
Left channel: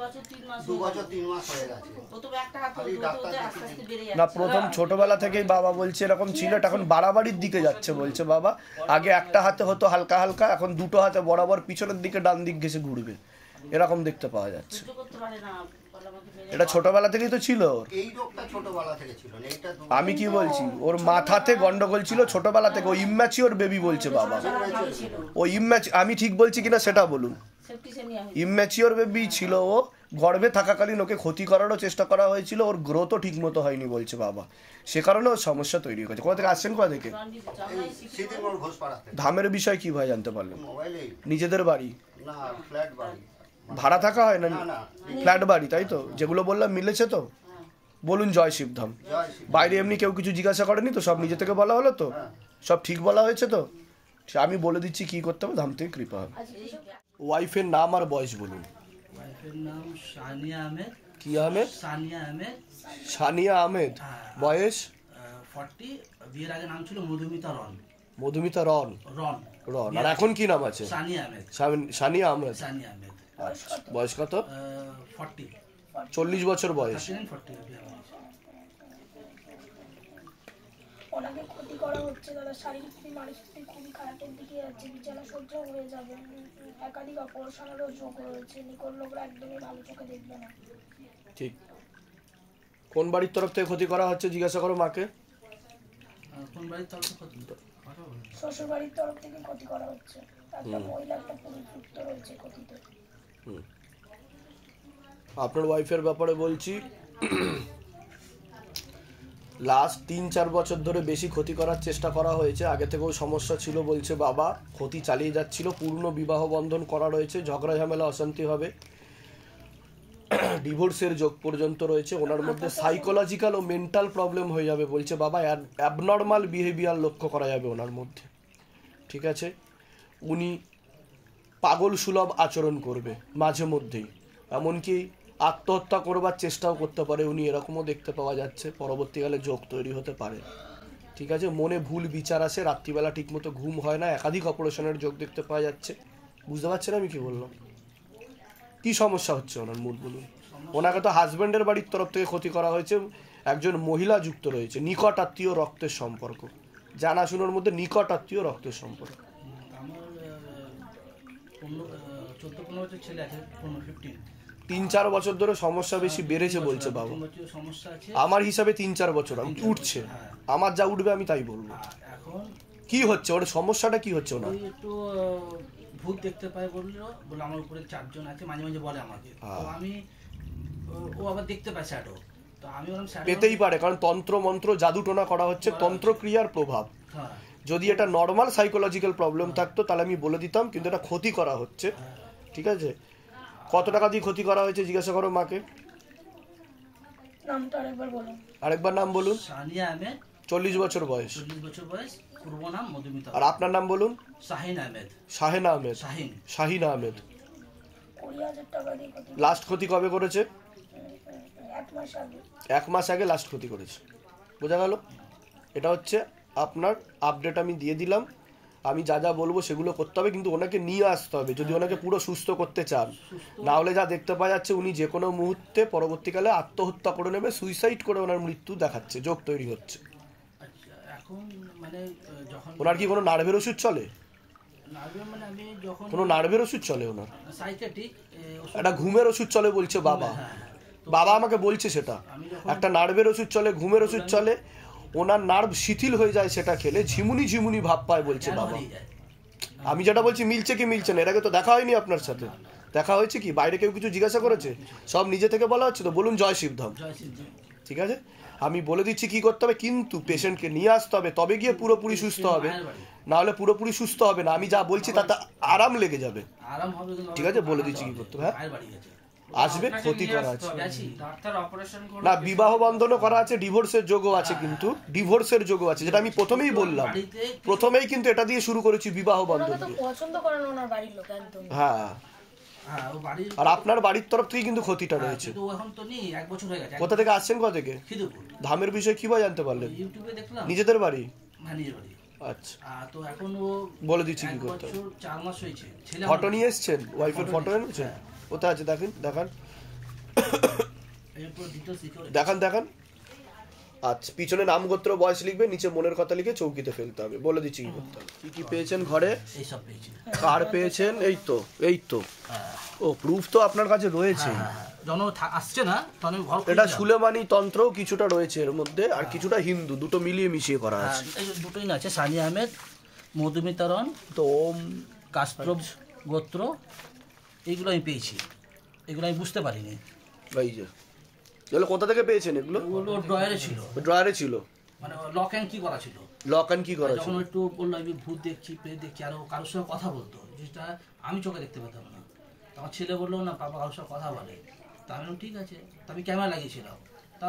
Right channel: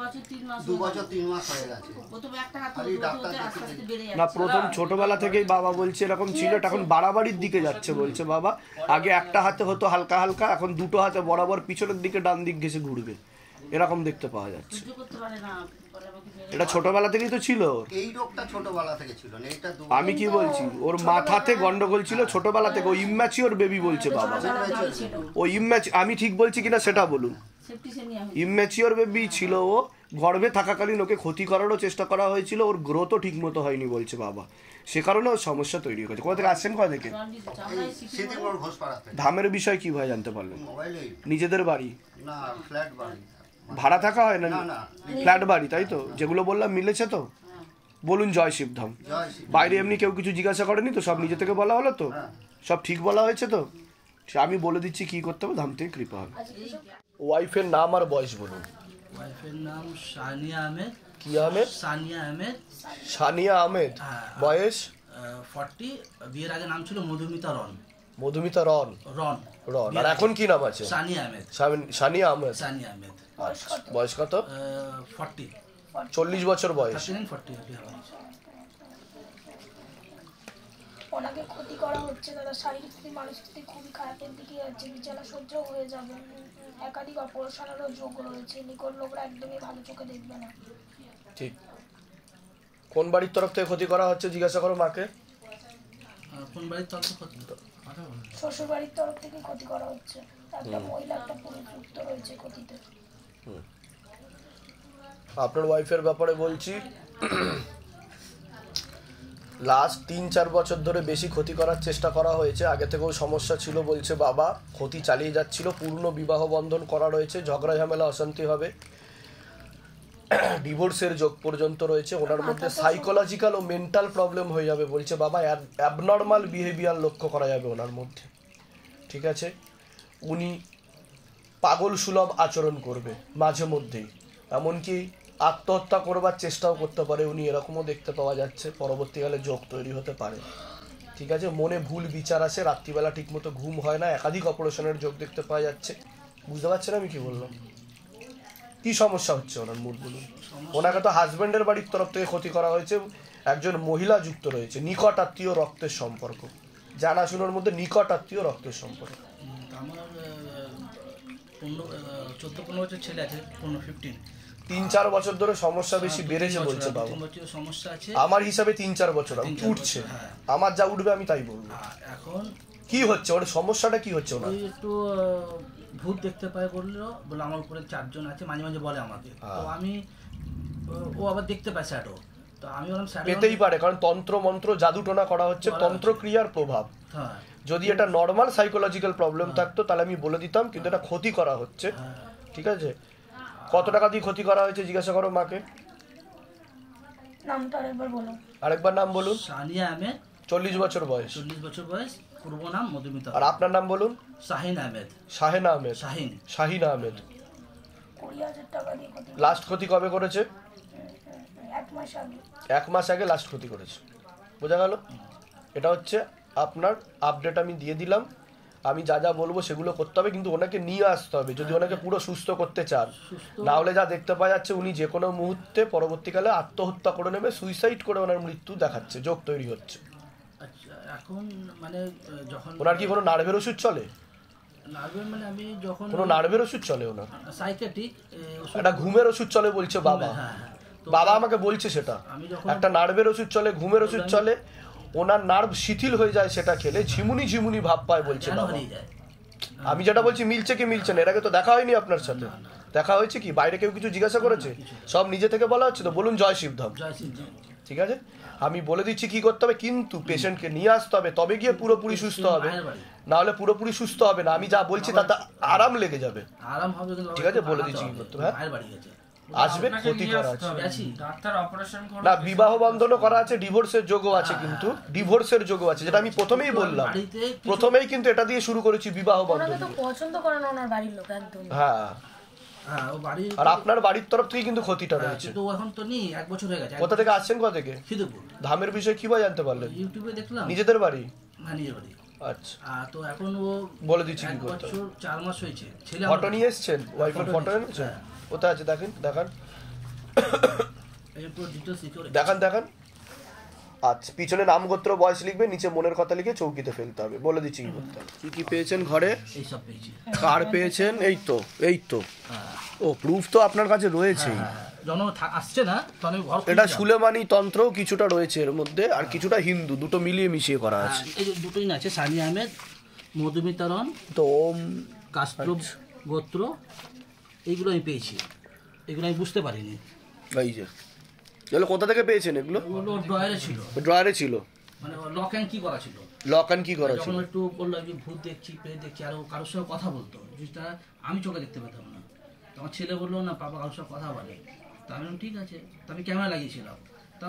বছর 3 মাস হয়ে গেছে। না, প্রথম ছোটবেলা থেকেই বাবা বলছে এরকম ছিল। এটা এখন বাড়াবাড়ির দিকে যাচ্ছে বলছে বাবা। আগে একটা হাতে হতো হালকা হালকা, এখন দুটো হাতে বরাবর পিছনের দিকে ডান দিক ঘেসে ঘুরবে, এরকম দেখতে পাওয়া যাচ্ছে। এটা ছোটবেলা থেকেই তো ছিল। এই রোগটা ছোটবেলা থেকে ছিল না, এটা আমি কি বলছি, ওর মাথাতে গন্ডগোল ছিল ছোটবেলা থেকে। ও ইম্যাচিওর বেবি বলছে বাবা। ও আমি ঠিক বলছি কিনা সেটা বলুন। ইম্যাচিওর বেবি ছিল ও, গর্ভে থাকাকালীন ওকে ক্ষতি করারও চেষ্টা করা হয়েছিল, ওর গ্রোথও ঠিক মতো হয়নি বলছে বাবা। সে কারণে ওর সমস্যা তৈরি হয়েছে। কোথা থেকে আসছেন, কোথা থেকে? ধামের বিষয় কি ভাই জানতে পারলেন? নিজেদের বাড়ি না, ফ্ল্যাট বাড়ি। ভাড়া থাকা হয় না, ফ্ল্যাট বাড়ি, তাই তো? যেগুলো বললাম মিলেছে তো? বলুন জয় শিবধাম। বাইরে এমনি কেউ কিছু জিজ্ঞাসা করেনি তো? সব নিজে থেকে বলা হলো তো? সব ঠিক বলা হয়েছে তো? আমি বলে দিচ্ছি কি করতে হবে, ধাম থেকে কৃপা হবে। ওয়াইফের নাম আর বয়স বলুন। ওয়াইফের নাম সানিয়া আহমেদ। কি আহমেদ? সানিয়া আহমেদ। সানিয়া আহমেদ। বয়স 40। বিয়ের আগে নাম ছিল মধুমিতা রন। মধুমিতা রন। রন রন। আর এখন কি নাম আছে? সানিয়া আহমেদ। সানিয়া আহমেদ। সানিয়া আহমেদ। বয়স কত? 40। 40 বছর বয়স। ওনাকে ক্ষতি করা হচ্ছে দাদা, শারীরিক স্থিতি মানসিক স্থিতি খুবই খারাপের দিকে যাচ্ছে, বিছানা সহ্য হয়ে যাবে, একাধিক অপারেশনেরও যোগ রয়েছে, নিকট লোকরা একদমই ভালো চোখে দেখবে না। ঠিক। কোন বাড়ির তরফ থেকে ক্ষতি করা হচ্ছে জিজ্ঞাসা করো মাকে। কোন বাড়ির তরফ থেকে? শ্বশুর বাড়ির তরফ থেকে ক্ষতি করা হচ্ছে, একটা মহিলা একটা পুরুষ যুক্ত রয়েছে ক্ষতিতে। আপনার ওয়াইফের ব্যাপারে বলছি, লাস্ট 3-4 বছর ধরে বেশি ক্ষতি করার চেষ্টা করা হয়েছে। আগে থেকেও সমস্যা ছিল বলছে বাবা, ক্ষতি চালিয়ে যাচ্ছিল, পূর্ণ বিবাহ বন্ধন করা রয়েছে, ঝগড়া ঝামেলা অশান্তি হবে, ডিভোর্সের যোগ পর্যন্ত রয়েছে। ওনার মধ্যে সাইকোলজিক্যাল ও মেন্টাল প্রবলেম হয়ে যাবে বলছে বাবা, অ্যাবনর্মাল বিহেভিয়ার লক্ষ্য করা যাবে ওনার মধ্যে। ঠিক আছে, উনি পাগল সুলভ আচরণ করবে মাঝে মধ্যেই, এমনকি আত্মহত্যা করবার চেষ্টাও করতে পারে উনি, এরকমও দেখতে পাওয়া যাচ্ছে। পরবর্তীকালে যোগ তৈরি হতে পারে। ঠিক আছে, মনে ভুল বিচার আসে, রাত্রিবেলা ঠিকমতো ঘুম হয় না, একাধিক অপারেশনের যোগ দেখতে পাওয়া যাচ্ছে। বুঝতে পারছেন আমি কি বললাম? কি সমস্যা হচ্ছে ওনার মূল বলুন। ওনাকে তো হাজব্যান্ডের বাড়ির তরফ থেকে ক্ষতি করা হয়েছে, একজন মহিলা যুক্ত রয়েছে, নিকট আত্মীয় রক্তের সম্পর্ক, জানাশুনোর মধ্যে নিকট আত্মীয় রক্তের সম্পর্ক। আমার 14-15 বছর ছেলে আছে, 15-15। 3-4 বছর ধরে সমস্যা বেশি বেড়েছে বলছে বাবা। সমস্যা আছে আমার হিসাবে 3-4 বছর উঠছে, আমার যা উঠবে আমি তাই বলবো। এখন কি হচ্ছে ওর সমস্যাটা, কি হচ্ছে ওনার? একটু ভূত দেখতে পায় বলে আমার উপরে 4 জন আছে, মাঝে মাঝে বলে আমাকে, তো আমি ও আবার দেখতে পায় শ্যাডো, তো আমি বললাম শ্যাডো পেতেই পারে, কারণ তন্ত্র মন্ত্র জাদু টোনা করা হচ্ছে, তন্ত্র ক্রিয়ার প্রভাব। যদি এটা নর্মাল সাইকোলজিক্যাল প্রবলেম থাকতো তাহলে আমি বলে দিতাম, কিন্তু এটা ক্ষতি করা হচ্ছে। ঠিক আছে, কত টাকা দিয়ে ক্ষতি করা হয়েছে জিজ্ঞাসা করো মাকে। নামটা আরেকবার বলো। আরেকবার নাম বলুন। সানিয়া আহমেদ, 40 বছর বয়স। 40 বছর বয়স, পূর্ব নাম মধুমিতা। আর আপনার নাম বলুন। শাহিন আহমেদ। শাহিন আহমেদ। শাহিন আহমেদ। 20,000 টাকা দিয়ে ক্ষতি। লাস্ট ক্ষতি কবে করেছে? 1 মাস আগে। 1 মাস আগে লাস্ট ক্ষতি করেছে। বোঝা গেল? এটা হচ্ছে আপনার আপডেট আমি দিয়ে দিলাম। আমি যা যা বলবো সেগুলো করতে হবে, কিন্তু ওনাকে নিয়ে আসতে হবে যদি ওনাকে পুরো সুস্থ করতে চান। না হলে যা দেখতে পাওয়া যাচ্ছে উনি যে কোনো মুহূর্তে পরবর্তীকালে আত্মহত্যা করে নেবে, সুইসাইড করে ওনার মৃত্যু দেখাচ্ছে, যোগ তৈরি হচ্ছে। এখন মানে যখন ওনার কি কোনো নার্ভের ওষুধ চলে? নার্ভের মানে আমি যখন কোনো নার্ভের ওষুধ চলে ওনার? সাইকিয়াট্রিক একটা ঘুমের ওষুধ চলে বলছে বাবা। বাবা আমাকে বলছে সেটা একটা নার্ভের ওষুধ চলে, ঘুমের ওষুধ চলে, ওনার নার্ভ শিথিল হয়ে যায় সেটা খেলে, ঝিমুনি ঝিমুনি ভাব পায় বলছে বাবা। আমি যেটা বলছি মিলছে কি মিলছে না? এর আগে তো দেখা হয়নি আপনার সাথে, দেখা হয়েছে কি? বাইরে কেউ কিছু জিজ্ঞাসা করেছে? সব নিজে থেকে বলা হচ্ছে তো? বলুন জয় শিবধাম। ঠিক আছে, আমি বলে দিচ্ছি কি করতে হবে, কিন্তু পেশেন্টকে নিয়ে আসতে হবে, তবে গিয়ে পুরোপুরি সুস্থ হবে, না হলে পুরোপুরি সুস্থ হবে না। আমি যা বলছি তাতে আরাম লেগে যাবে। ঠিক আছে, বলে দিচ্ছি কি করতে হবে। আসবে, ক্ষতি করা আছে না, বিবাহ বন্ধনও করা আছে, ডিভোর্সের যোগও আছে, কিন্তু ডিভোর্সের যোগও আছে, যেটা আমি প্রথমেই বললাম। প্রথমেই কিন্তু এটা দিয়ে শুরু করেছি, বিবাহ বন্ধন। পছন্দ করে না ওনার বাড়ির লোক একদম। হ্যাঁ, আর আপনার বাড়ির তরফ থেকে কিন্তু ক্ষতিটা রয়েছে। কোথা থেকে আসছেন? কোথা থেকে? ধামের বিষয়ে কিভাবে জানতে পারলেন? ইউটিউবে দেখলাম। নিজেদের বাড়ি? হ্যাঁ, নিজের বাড়ি। আচ্ছা, তো এখন ও বলে দিচ্ছি কি করতে হবে। 4 মাস হয়েছে। ফটো নিয়ে এসেছেন? ওয়াইফের ফটো এনেছেন? কোথায় আছে দেখেন, দেখান দেখান দেখান। আচ্ছা, পিছনে নাম গোত্র বয়স লিখবে, নিচে মনের কথা লিখে চৌকিতে ফেলতে হবে। বলে দিচ্ছি কি করতে হবে। কি কি পেয়েছেন ঘরে? এইসব পেয়েছি। কার পেয়েছেন? এই তো, এই তো। ও, প্রুফ তো আপনার কাছে রয়েছে। আসছে না, এটা সুলেমানি তন্ত্রও কিছুটা রয়েছে এর মধ্যে, আর কিছুটা হিন্দু, দুটো মিলিয়ে মিশিয়ে করা আছে। এই দুটোই আছে, সানি আহমেদ, মধুমিতারণ, তো ওম, কাস্ট্রব গোত্র, এইগুলো আমি পেয়েছি। এগুলো আমি বুঝতে পারিনি। এই যে এগুলো কোথা থেকে পেয়েছেন? এগুলো ড্রয়ারে ছিল। ড্রয়ারে ছিল, মানে লক অ্যান্ড কি করা ছিল। লক অ্যান্ড কি করা ছিল? একটু বললো ভূত দেখছি, প্রেত দেখছি, আর কারোর সঙ্গে কথা বলতো, যেটা আমি চোখে দেখতে পেতাম না। আমার ছেলে বললো না পাপা কারোর সঙ্গে কথা বলে। তা আমি ঠিক আছে, আমি ক্যামেরা লাগিয়েছিলাম।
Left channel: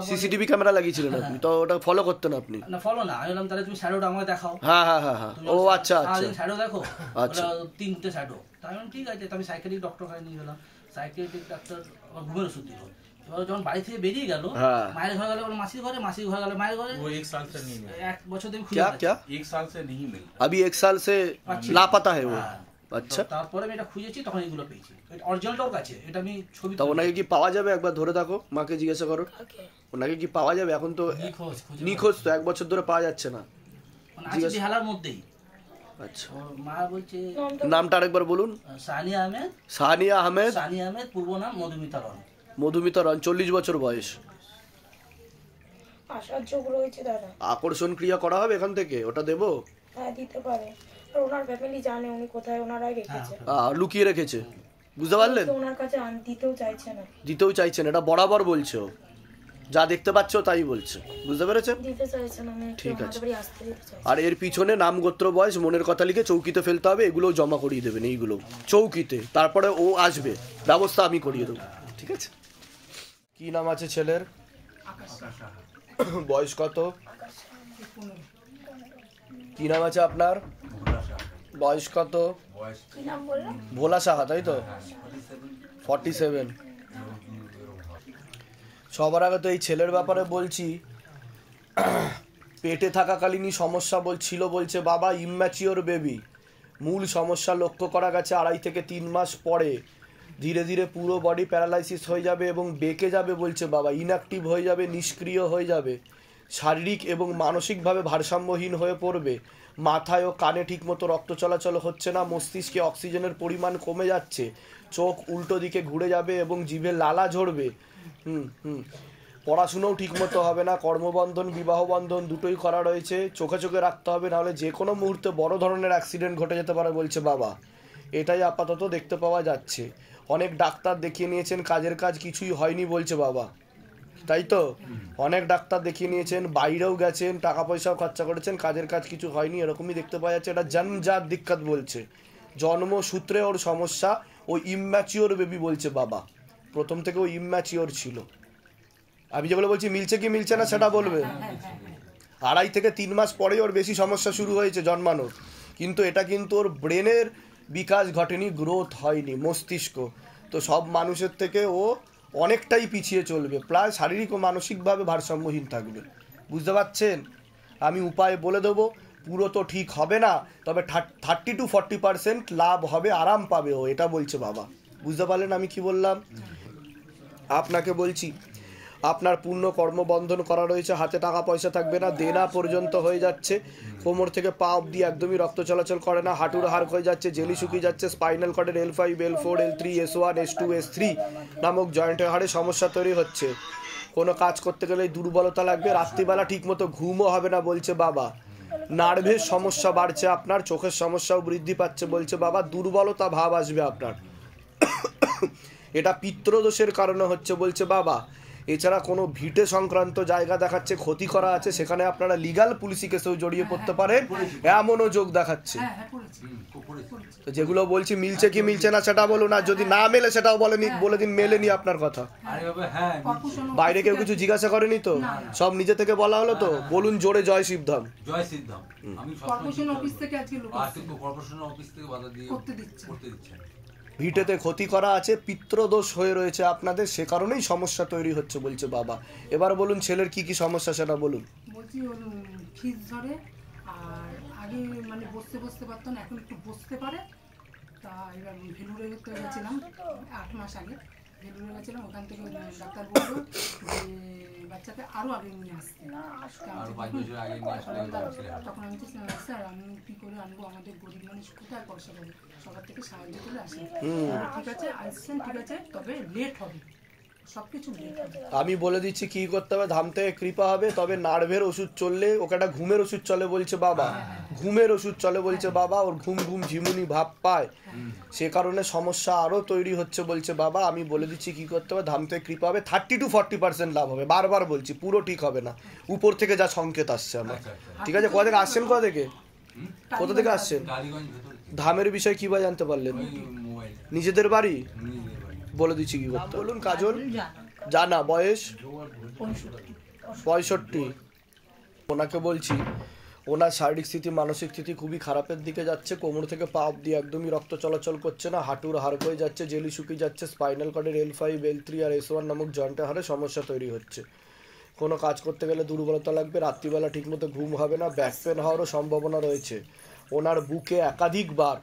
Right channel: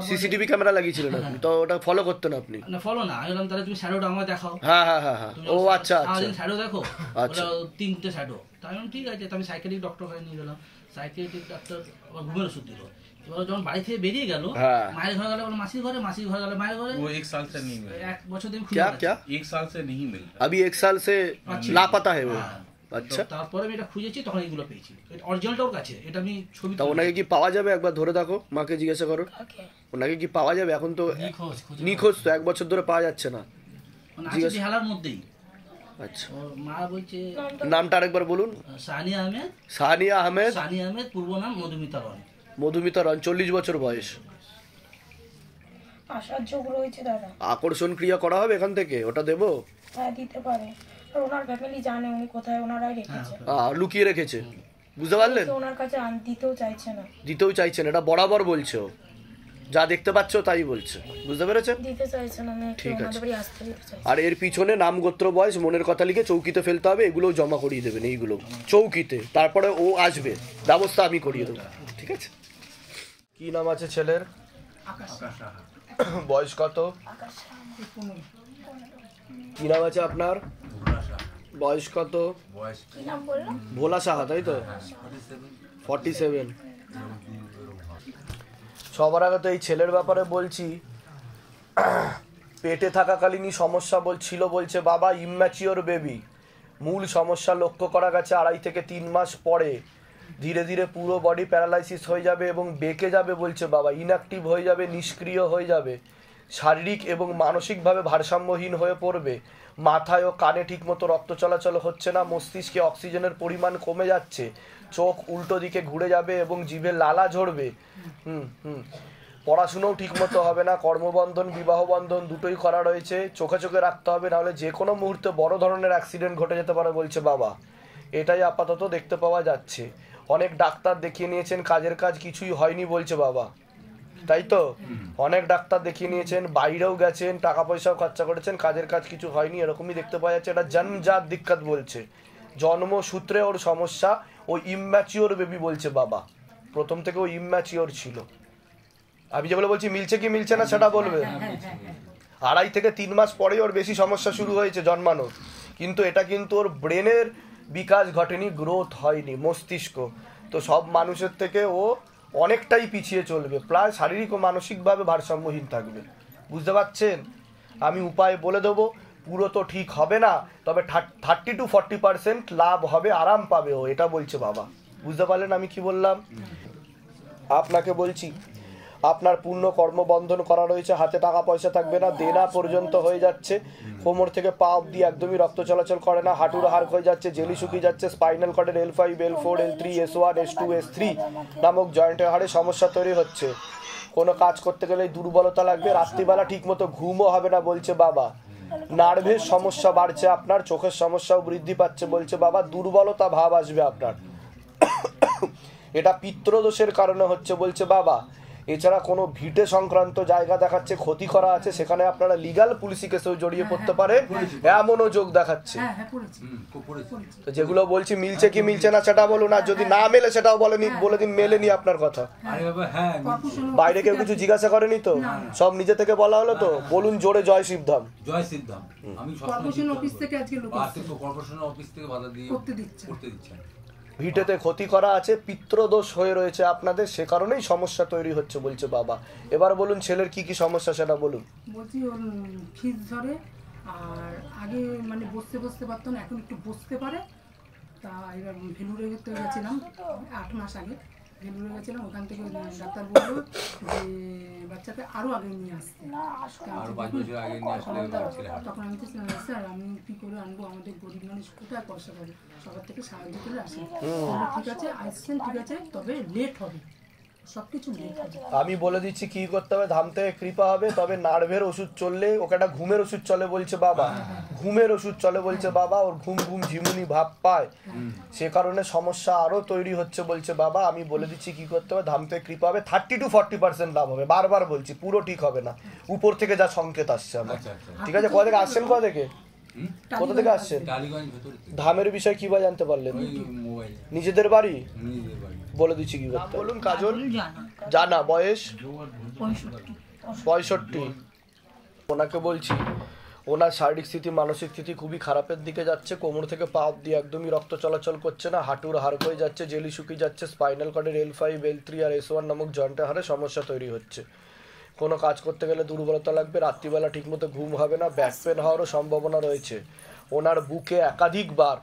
সিসিটিভি ক্যামেরা লাগিয়েছিলেন আপনি? তো ওটা ফলো করতেন আপনি? না, ফলো না। আমি বললাম তাহলে তুমি শ্যাডোটা আমাকে দেখাও। হ্যাঁ হ্যাঁ হ্যাঁ হ্যাঁ। ও আচ্ছা আচ্ছা, শ্যাডো দেখো। আচ্ছা, 3টে শ্যাডো। তাই আমি ঠিক আছে, তো আমি সাইকেলিক ডক্টর কাছে নিয়ে গেলাম। সাইকেলিক ডাক্তার আমার ঘুমের ওষুধ দিল। এবার যখন বাড়ি থেকে বেরিয়ে গেল, মায়ের ঘরে গেল মাসির ঘরে, মাসির ঘরে গেল মায়ের ঘরে। वो 1 साल से नहीं मिला। 1 বছর ধরে क्या क्या 1 साल से नहीं मिला। अभी 1 साल से लापता है वो। আচ্ছা, তারপরে আমি এটা খুঁজেছি, তখন এইগুলো পেয়েছি। অরিজিনালটা ওর কাছে, এটা আমি ছবি তা ওনাকে কি পাওয়া যাবে? একবার ধরে দেখো, মাকে জিজ্ঞাসা করো ওনাকে কি পাওয়া যাবে। এখন তো নিখোঁজ, তো 1 বছর ধরে পাওয়া যাচ্ছে না। জিজ্ঞাসা হেলার মধ্যেই। আচ্ছা, ওর মা বলছে নামটা আরেকবার বলুন। সানিয়া আহমেদ। সানিয়া আহমেদ, সানিয়া আহমেদ, পূর্ব নাম মধুমিতা রন। মধুমিতা রন, 40 বছর বয়স। আসার যোগ রয়েছে দাদা। আকর্ষণ ক্রিয়া করা হবে এখান থেকে, ওটা দেবো? হ্যাঁ দিতে পারে, আর ওনার ফ্যামিলি জানে উনি কোথায় ওনারাই রেখেছে, লুকিয়ে রেখেছে, বুঝতে পারলেন? তো ওনার কাছে দিতেও চাইছে না। দিতেও চাইছেন, এটা বরাবর বলছে ও, যা দেখতে পাচ্ছ তাই বলছে, বুঝতে পেরেছেন? দিতে চাইছে না, ঠিক আছে। আমাদের বাড়ি আসতে দিতে চাইছে। আর এর পিছনে নাম, গোত্র, বয়স, মনের কথা লিখে চৌকিতে ফেলতে হবে, এগুলো জমা করিয়ে দেবেন, এইগুলো চৌকিতে, তারপরে ও আসবে, ব্যবস্থা আমি করিয়ে দেবো, ঠিক আছে? কি নাম আছে ছেলের? বয়স কত? কি নাম আছে আপনার? বয়স কত? কি নাম বললো? ভোলা সাহা, তাই তো? 47। সবার আগে তো এই ছেলের ব্যাপারে বলছি, পেটে থাকাকালীনই সমস্যা ছিল বলছে বাবা, ইম্যাচিওর বেবি। মূল সমস্যা লক্ষ্য করা গেছে 2.5 থেকে 3 মাস পরে ধীরে ধীরে পুরো বডি প্যারালাইসিস হয়ে যাবে এবং বেঁকে যাবে বলছে বাবা, ইনঅ্যাক্টিভ হয়ে যাবে, নিষ্ক্রিয় হয়ে যাবে, শারীরিক এবং মানসিকভাবে ভারসাম্যহীন হয়ে পড়বে, মাথায় ও কানে ঠিকমতো রক্ত চলাচল হচ্ছে না, মস্তিষ্কে অক্সিজেনের পরিমাণ কমে যাচ্ছে, চোখ উল্টো দিকে ঘুরে যাবে এবং জিভে লালা ঝরবে, পড়াশুনোও ঠিকমতো হবে না, কর্মবন্ধন, বিবাহ বন্ধন দুটোই করা রয়েছে, চোখে চোখে রাখতে হবে, নাহলে যে কোনো মুহূর্তে বড় ধরনের অ্যাক্সিডেন্ট ঘটে যেতে পারে বলছে বাবা। এটাই আপাতত দেখতে পাওয়া যাচ্ছে। অনেক ডাক্তার দেখিয়ে নিয়েছেন, কাজের কাজ কিছুই হয়নি বলছে বাবা, তাই তো? অনেক ডাক্তার দেখিয়ে নিয়েছেন, বাইরেও গেছেন, টাকা পয়সাও খরচা করেছেন, কাজের কাজ কিছু হয়নি, এরকমই দেখতে পাওয়া যাচ্ছে। এটা জন্মজাত দিক্কত বলছে, জন্মসূত্রে ওর সমস্যা, ও ইম্যাচিওর বেবি বলছে বাবা, প্রথম থেকে ও ইম্যাচিওর ছিল। আমি যেগুলো বলছি মিলছে কি মিলছে না সেটা বলবে। 2.5 থেকে 3 মাস পরেই ওর বেশি সমস্যা শুরু হয়েছে জন্মানোর, কিন্তু এটা কিন্তু ওর ব্রেনের বিকাশ ঘটেনি, গ্রোথ হয়নি, মস্তিষ্ক। তো সব মানুষের থেকে ও অনেকটাই পিছিয়ে চলবে, প্রায় শারীরিক ও মানসিকভাবে ভারসাম্যহীন থাকবে, বুঝতে পারছেন? আমি উপায় বলে দেবো, পুরো তো ঠিক হবে না, তবে 30 to 40% লাভ হবে, আরাম পাবে ও, এটা বলছে বাবা, বুঝতে পারলেন আমি কি বললাম? আপনাকে বলছি, আপনার পূর্ণ কর্মবন্ধন করা রয়েছে, হাতে টাকা পয়সা থাকবে না, দেনা পর্যন্ত হয়ে যাচ্ছে, কোমর থেকে পা অব্দি একদমই রক্ত চলাচল করে না, হাঁটুর হাড় হয়ে যাচ্ছে, জেলি শুকিয়ে যাচ্ছে, spinal কর্ডের L5, L4, L3, S1, S2, S3 নামক জয়েন্টের হাড়ে সমস্যা তৈরি হচ্ছে, কোনো কাজ করতে গেলে দুর্বলতা লাগবে, রাত্রিবেলা ঠিকমতো ঘুমও হবে না বলছে বাবা, নার্ভের সমস্যা বাড়ছে আপনার, চোখের সমস্যাও বৃদ্ধি পাচ্ছে বলছে বাবা, দুর্বলতা ভাব আসবে আপনার, এটা পিত্রদোষের কারণে হচ্ছে বলছে বাবা। এছাড়া কোনো ভিটে সংক্রান্ত জায়গা দেখাচ্ছে ক্ষতি করা আছে, সেখানে আপনারা লিগাল পুলিশি কেসেও জড়িয়ে পড়তে পারেন, এমনও যোগ দেখাচ্ছে। যেগুলো বলছি মিলছে কি মিলছে না সেটা বলুন, আর যদি না মেলে সেটাও বলে দিন মেলেনি আপনার কথা। বাইরে কেউ কিছু জিজ্ঞাসা করেনি তো, সব নিজে থেকে বলা হলো তো? বলুন জোরে জয় শিবধাম। জয় শিবধাম। আমি কর্পোরেশন অফিস থেকে আজকে লোক আসছে, কর্পোরেশন অফিস থেকে বাধা দিয়ে করতে দিচ্ছে। ভিটেতে ক্ষতি করা আছে, পিত্রদোষ হয়ে রয়েছে আপনাদের, সে কারণেই সমস্যা তৈরি হচ্ছে বলছে বাবা। এবার বলুন ছেলের কি কি সমস্যা সেটা বলুন। বলছি ওর ফিজ ধরে, আর আগে মানে বসতে পারতো না, এখন একটু বসতে পারে। তা এবার ভেলুরে গেছিলাম 8 মাস আগে, ভেলুরে গেছিলাম, ওখান থেকে ডাক্তার বললো যে বাচ্চাকে আরো আগে নিয়ে আসতে, তখন আমি তো স্যার আমি কি করে আনবো, আমাদের গরিব মানুষ কোথায় পয়সা পাবে, সবার থেকে সাহায্য করে আসে। ঠিক আছে আসছেন, ঠিক আছে, তবে লেট হবে, সবকিছু লেট হবে। আমি বলে দিচ্ছি কি করতে হবে, ধাম থেকে কৃপা হবে, তবে নার্ভের ওষুধ চললে, ওকে একটা ঘুমের ওষুধ চলে বলছে বাবা, ঘুমের ওষুধ চলে বলছে বাবা, ওর ঘুম ঝিমুনি ভাব পায়, সে কারণে সমস্যা আরো তৈরি হচ্ছে বলছে বাবা। আমি বলে দিচ্ছি কি করতে হবে, ধাম থেকে কৃপা হবে, 30 to 40% লাভ হবে, বারবার বলছি, পুরো ঠিক হবে না, উপর থেকে যা সংকেত আসছে আমার। ঠিক আছে, কোথা থেকে আসছেন, কোথা থেকে আসছেন? ধামের বিষয় কি বা জানতে পারলেন? নিজেদের বাড়ি? বলে দিচ্ছি কি করতে, বলুন। কাজল জানা, বয়স 65। ওনাকে বলছি, ওনার শারীরিক স্থিতি, মানসিক স্থিতি খুবই খারাপের দিকে যাচ্ছে, কোমর থেকে পা অব্দি একদমই রক্ত চলাচল করছে না, হাঁটুর হাড় হয়ে যাচ্ছে, জেলি শুকিয়ে যাচ্ছে, স্পাইনাল কর্ডের L5, L3 আর S1 নামক জয়েন্টের হাড়ে সমস্যা তৈরি হচ্ছে, কোনো কাজ করতে গেলে দুর্বলতা লাগবে, রাত্রিবেলা ঠিকমতো ঘুম হবে না, ব্যাক পেন হওয়ারও সম্ভাবনা রয়েছে, ওনার বুকে একাধিকবার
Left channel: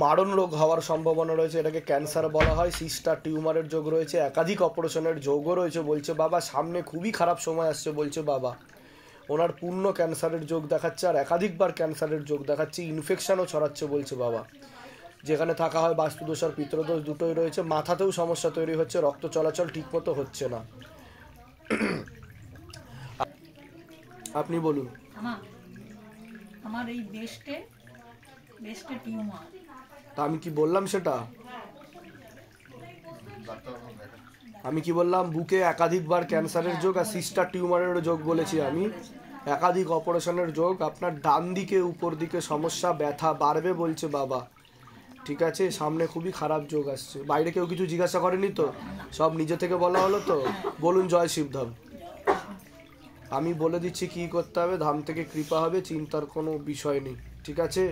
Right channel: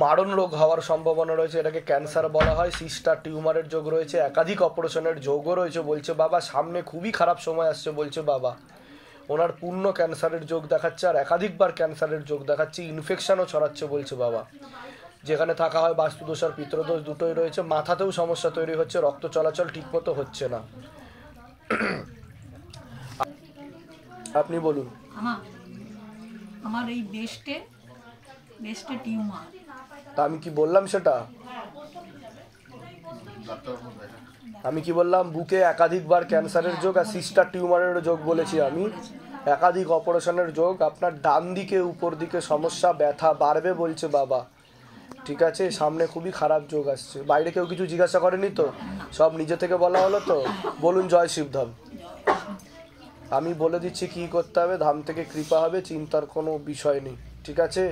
মারণ রোগ হওয়ার সম্ভাবনা রয়েছে, এটাকে ক্যান্সার বলা হয়। সিস্টার টিউমারের যোগ রয়েছে, একাধিক অপারেশনের যোগও রয়েছে। বলছে বাবা সামনে খুবই খারাপ সময় আসছে। বলছে বাবা ওনার পূর্ণ ক্যান্সারের যোগ দেখাচ্ছে, আর একাধিকবার ক্যান্সারের যোগ দেখাচ্ছে, ইনফেকশনও ছড়াচ্ছে। বলছে বাবা যেখানে থাকা হয় বাস্তুদোষ আর পিতৃদোষ দুটোই রয়েছে, মাথাতেও সমস্যা তৈরি হচ্ছে, রক্ত চলাচল ঠিকমতো হচ্ছে না। আপনি বলুন। আমার এই বেস্টে টিউমার। তা আমি কি বললাম সেটা? আমি কি বললাম? বুকে একাধিকবার ক্যান্সারের যোগ আর সিস্টার টিউমারের যোগ বলেছি আমি, একাধিক অপারেশনের যোগ। আপনার ডান দিকে উপর দিকে সমস্যা, ব্যথা বাড়বে বলছে বাবা। ঠিক আছে, সামনে খুবই খারাপ যোগ আসছে। বাইরে কেউ কিছু জিজ্ঞাসা করেনি তো? সব নিজে থেকে বলা হলো তো? বলুন জয় শিবধাম। আমি বলে দিচ্ছি কি করতে হবে, ধাম থেকে কৃপা হবে, চিন্তার কোনো বিষয় নেই। ঠিক আছে।